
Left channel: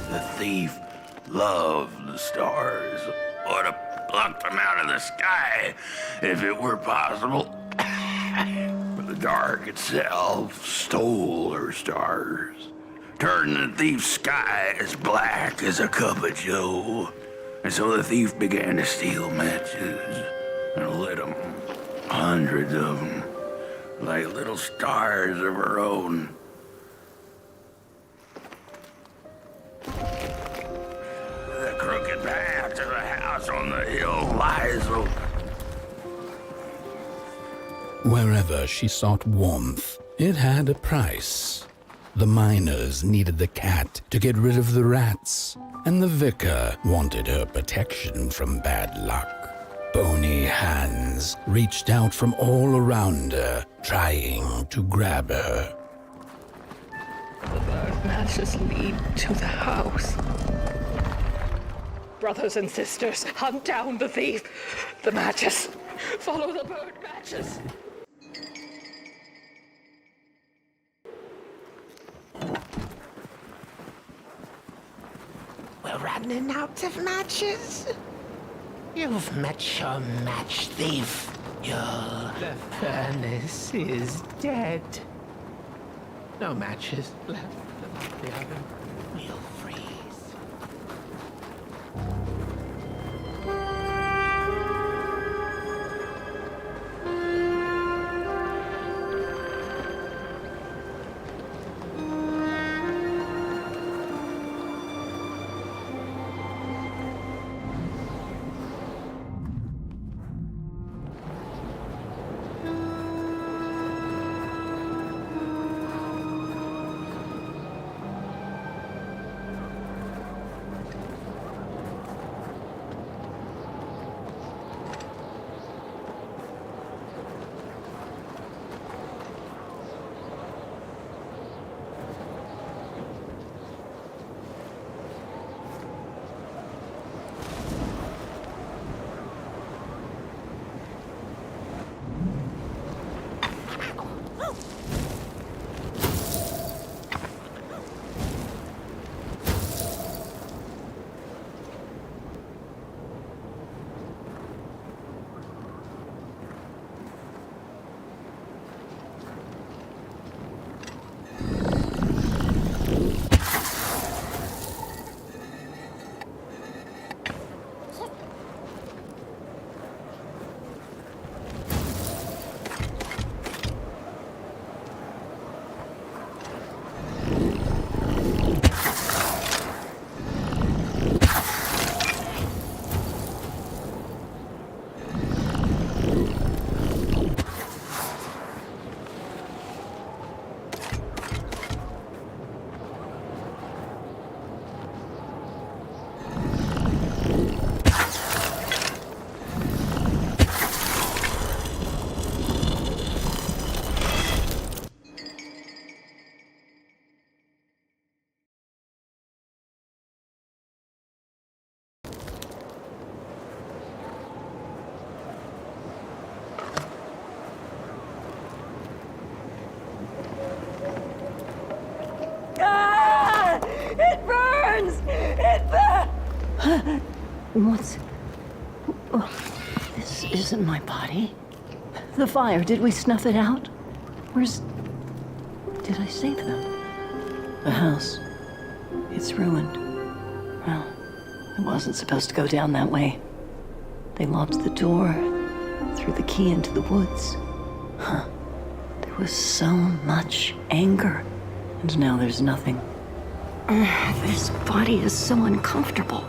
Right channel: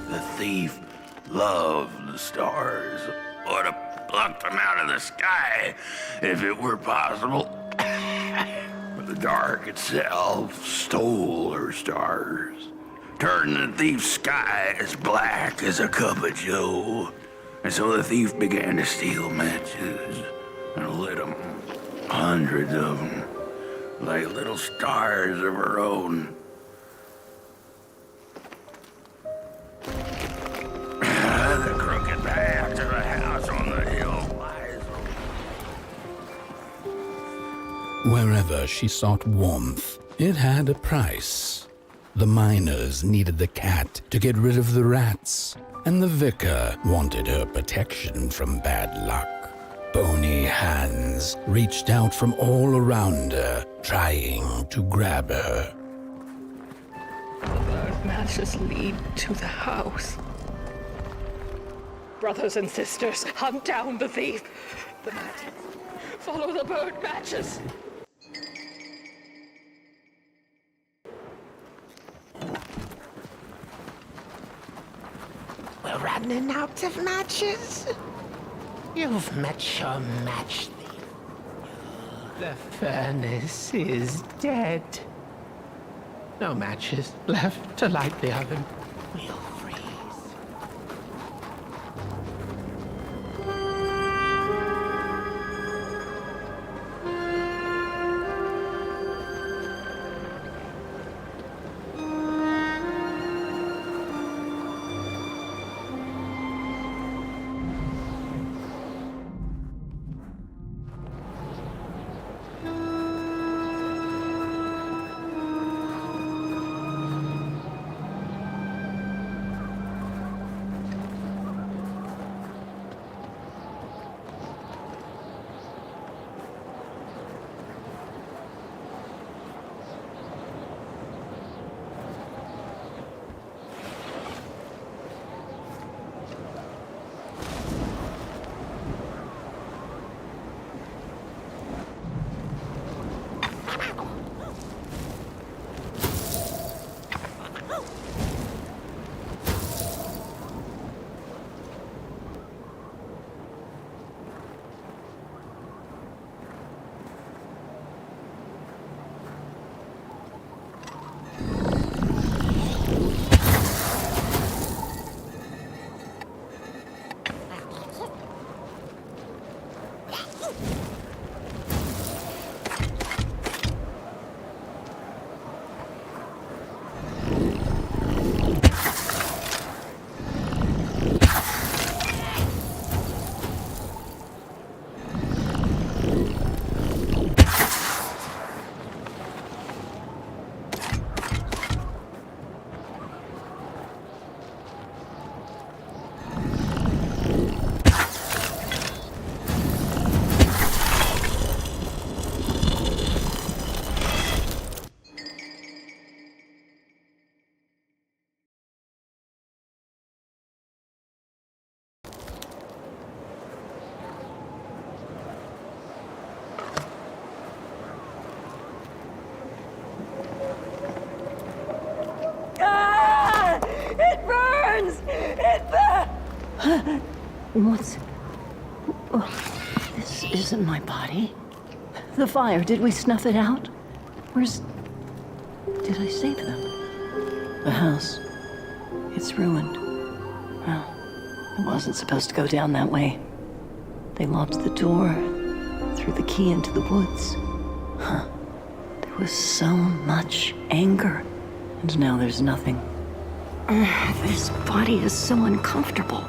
The thief loved the stars. Would have plucked them out of the sky if it were possible. But the dark itself stole her stars, turned the thief's sky as black as a cup of joe. And so the thief began to steal matches and lit them, hundreds of them, like little stars of her own. The crooked path to the house on the hill lies open. Wherever she sought warmth, it had a price. The miners needed the cat to get rid of the rats, and the vicar wanted her protection from bad luck. Bony hands reached out from all around her, trying to grab her. The bird matches lead to the house. Brothers and sisters, hunt down the thief. The matches. Follow the bird matches. We're running out of matches. You've met your match thief. The furnace is dead. No matches left to light the oven. We'll freeze. What's... Oh, this isn't my body. The fire, did we snuff it out? Where's... Did I save them? The house. It's ruined. Well, it wasn't supposed to go down that way. They locked the door, threw the key into the woods. Huh. There was so much anger, and now there's nothing. This body is so uncomfortable.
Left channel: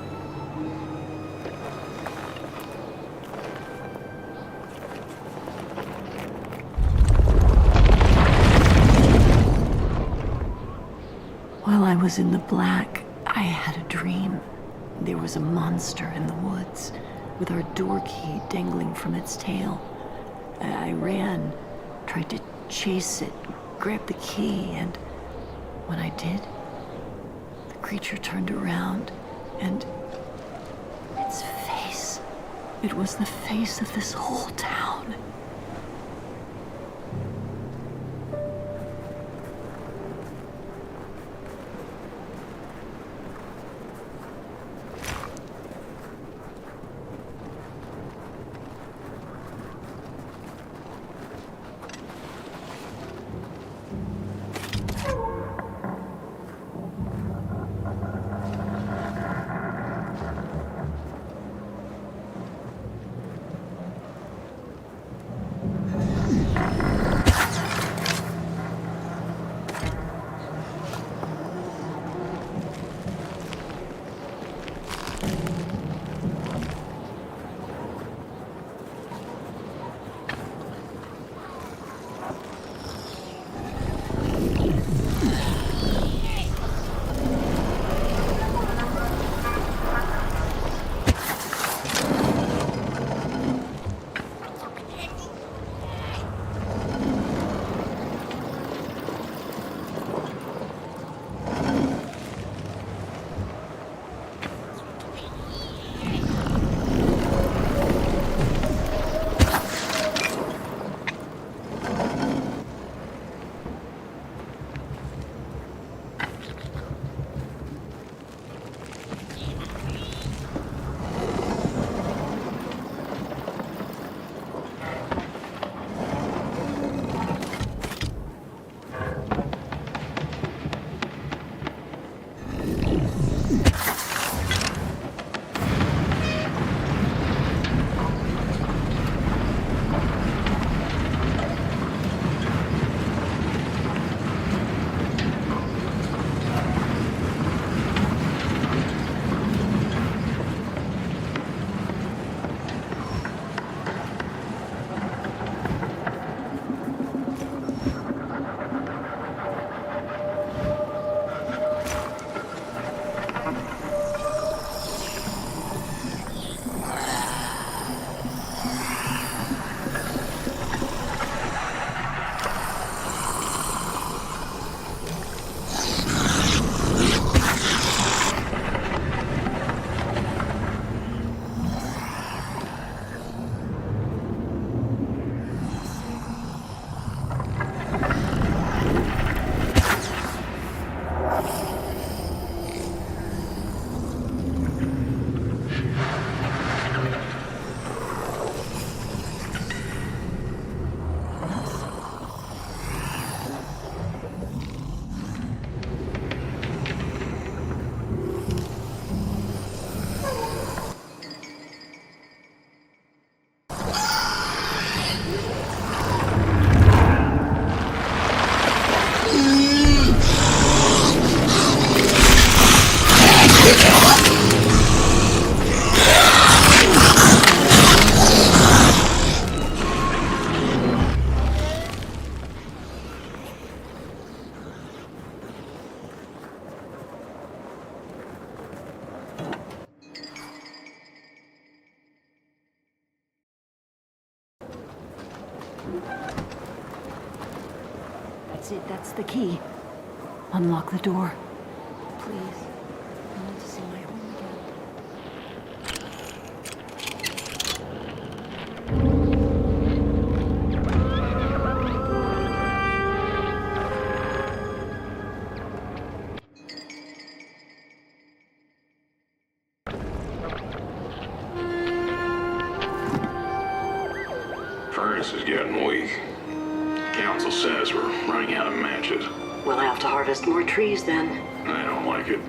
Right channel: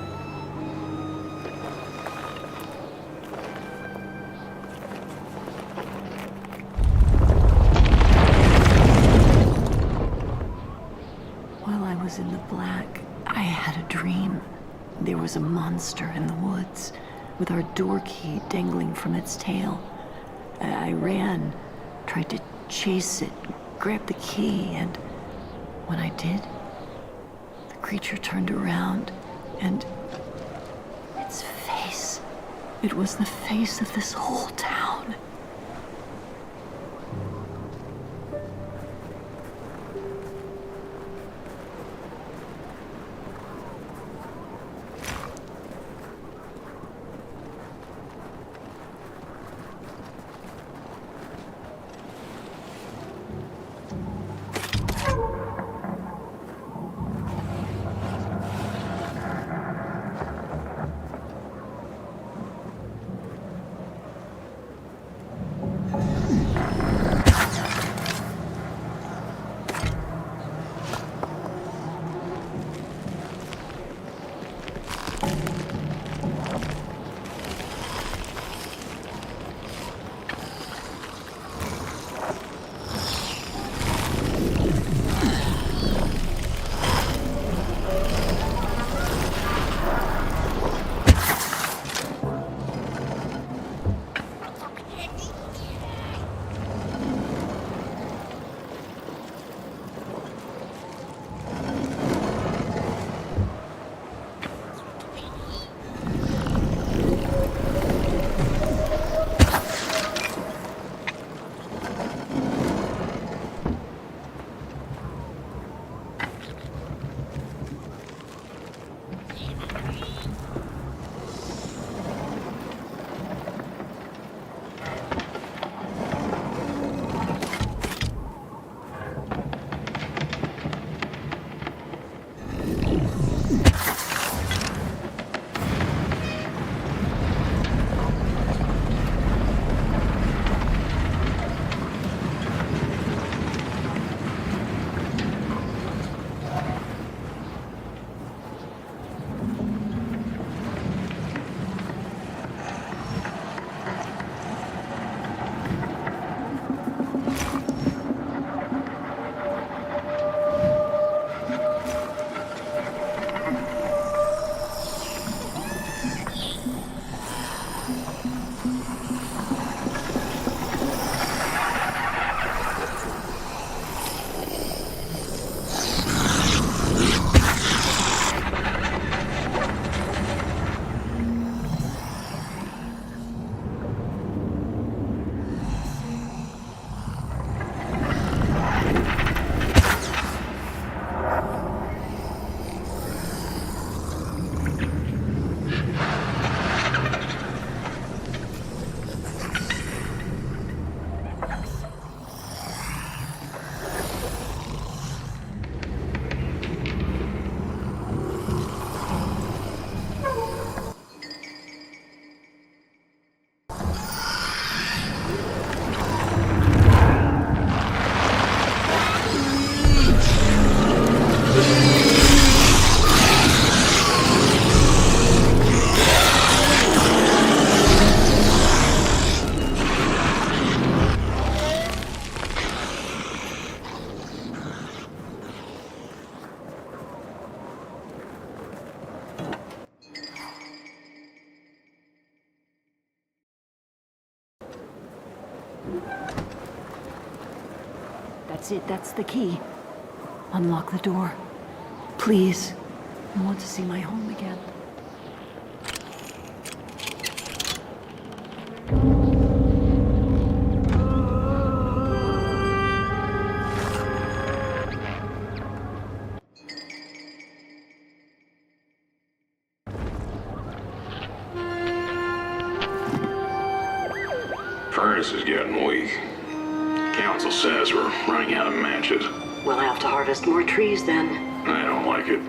While I was in the black, I had a dream. There was a monster in the woods, with our door key dangling from its tail. I ran, tried to chase it, grab the key, and when I did, the creature turned around and It was the face of this whole town. That's it, that's the key. Unlock the door. Please. I want to see my home again. Furnace is getting weak. Council says we're running out of matches. We'll have to harvest more trees then. I don't like it.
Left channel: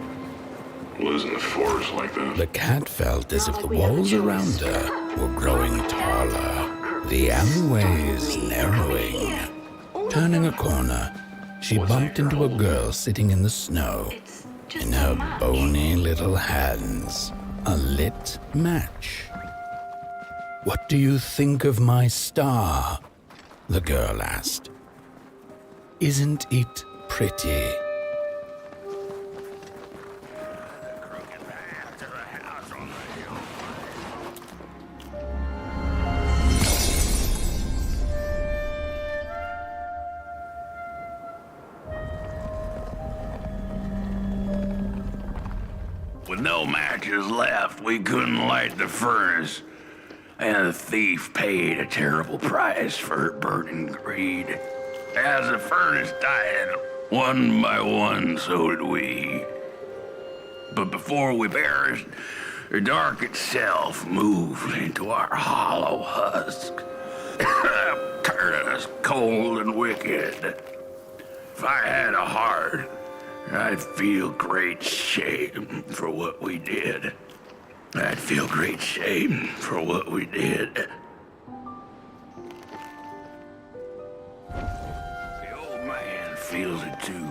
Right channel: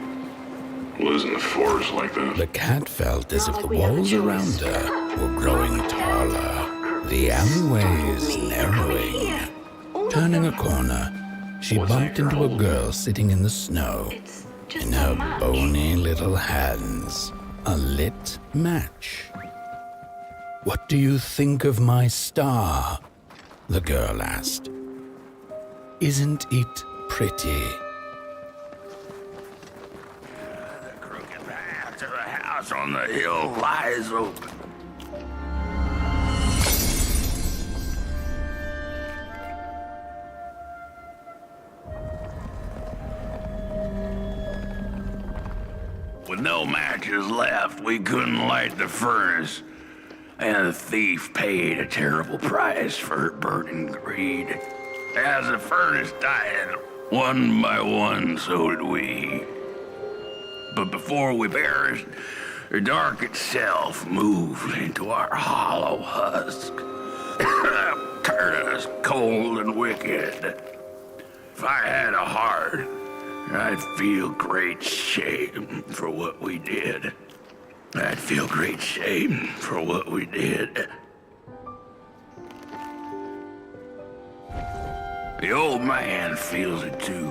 Losing the forest like that. The cat felt as if the walls around her were growing taller, the alleyways narrowing. Turning a corner, she bumped into a girl sitting in the snow. In her bony little hands, a lit match. "What do you think of my star?" the girl asked. "Isn't it pretty?" The crooked path to the house on the hill lies open. With no matches left, we couldn't light the furnace. And the thief paid a terrible price for her burning greed. As the furnace died, one by one, so did we. But before we perished, the dark itself moved into our hollow husk, turned us cold and wicked. If I had a heart, I'd feel great shame for what we did. I'd feel great shame for what we did. The old man feels it too.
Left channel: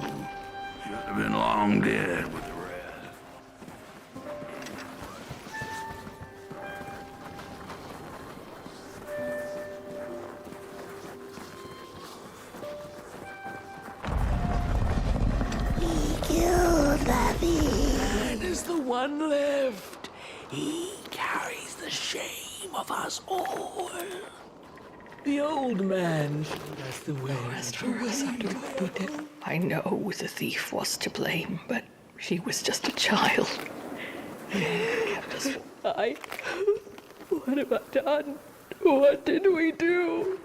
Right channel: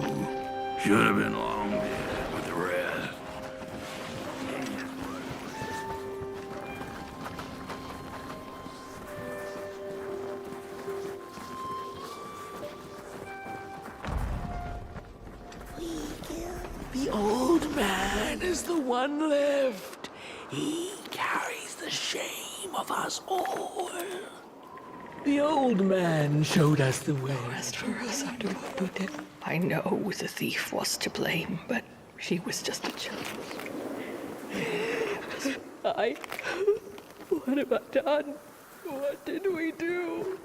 Should have been long dead with the rest. Man is the one left. He carries the shame of us all. The old man showed us the way. As for us after what we did, I know the thief was to blame, but she was just a child. What have I done? What did we do?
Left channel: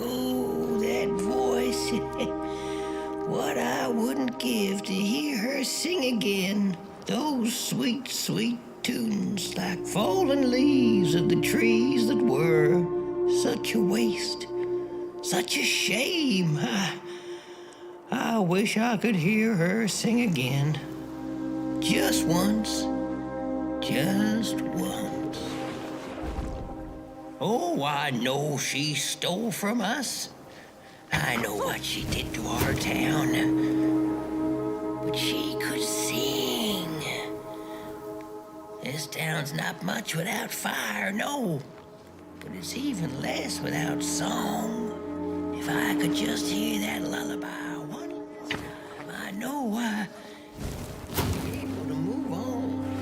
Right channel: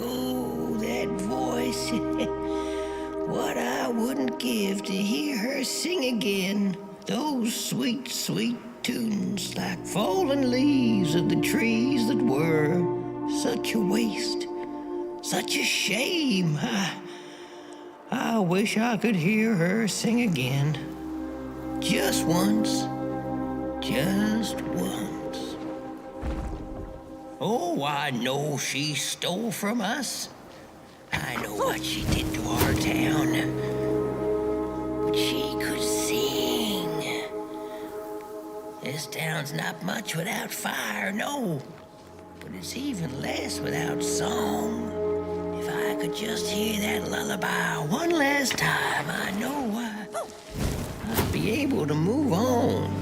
Oh, that voice. What I wouldn't give to hear her sing again. Those sweet, sweet tunes like fallen leaves of the trees that were. Such a waste. Such a shame. I wish I could hear her sing again. Just once. Just once. Oh, I know she stole from us. I know what she did to our town. But she could sing. This town's not much without fire, no. But it's even less without song. If I could just hear that lullaby one last time, I know I'd be able to move on.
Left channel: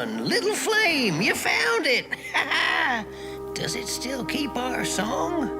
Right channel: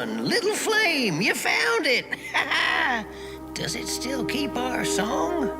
on, little flame, you found it! Does it still keep our song?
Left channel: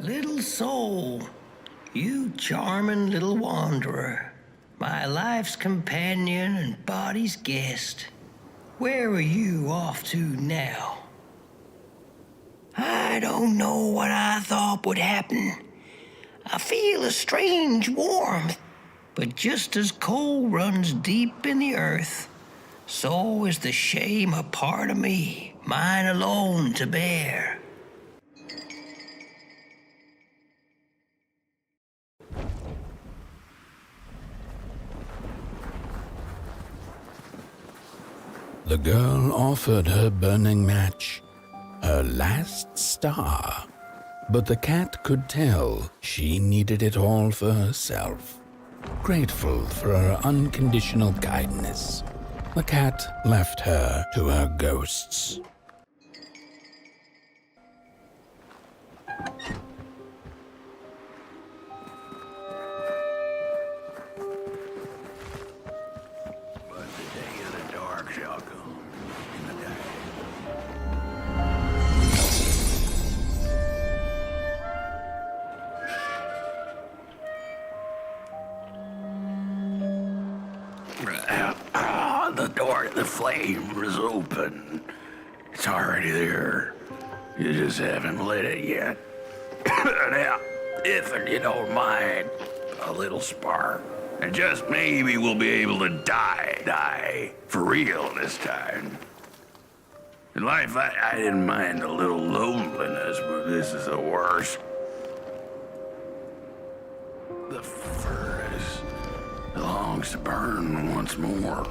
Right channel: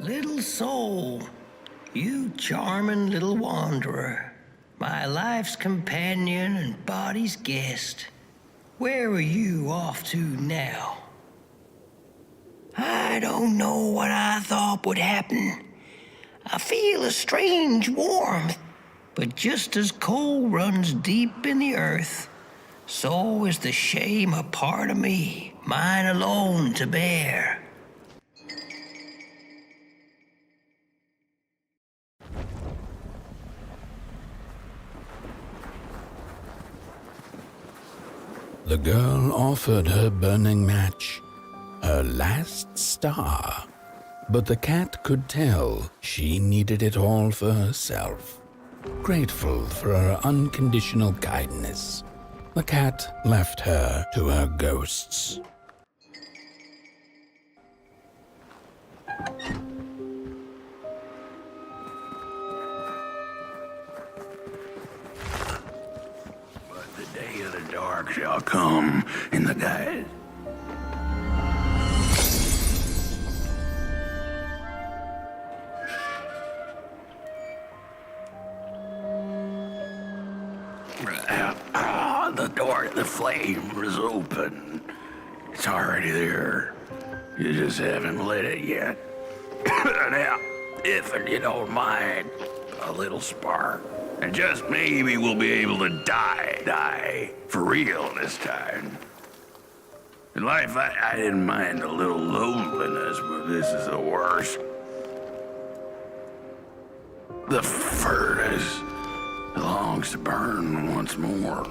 Little soul, you charming little wanderer, my life's companion and body's guest. Where are you off to now? I don't know what I thought would happen. I feel a strange warmth, but just as coal runs deep in the earth, so is the shame a part of me, mine alone to bear. The girl offered her burning match, her last star, but the cat could tell she needed it all for herself. Grateful for her unconditional kindness, the cat left her to her ghosts. Shall come in the day. The door to the flame is open. It's already there. You just haven't lit it yet. Now, if you don't mind, a little spark. And just maybe we'll be able to die for real this time. In life, I didn't mind a little loneliness, but this is the worst. The furnace longs to burn once more.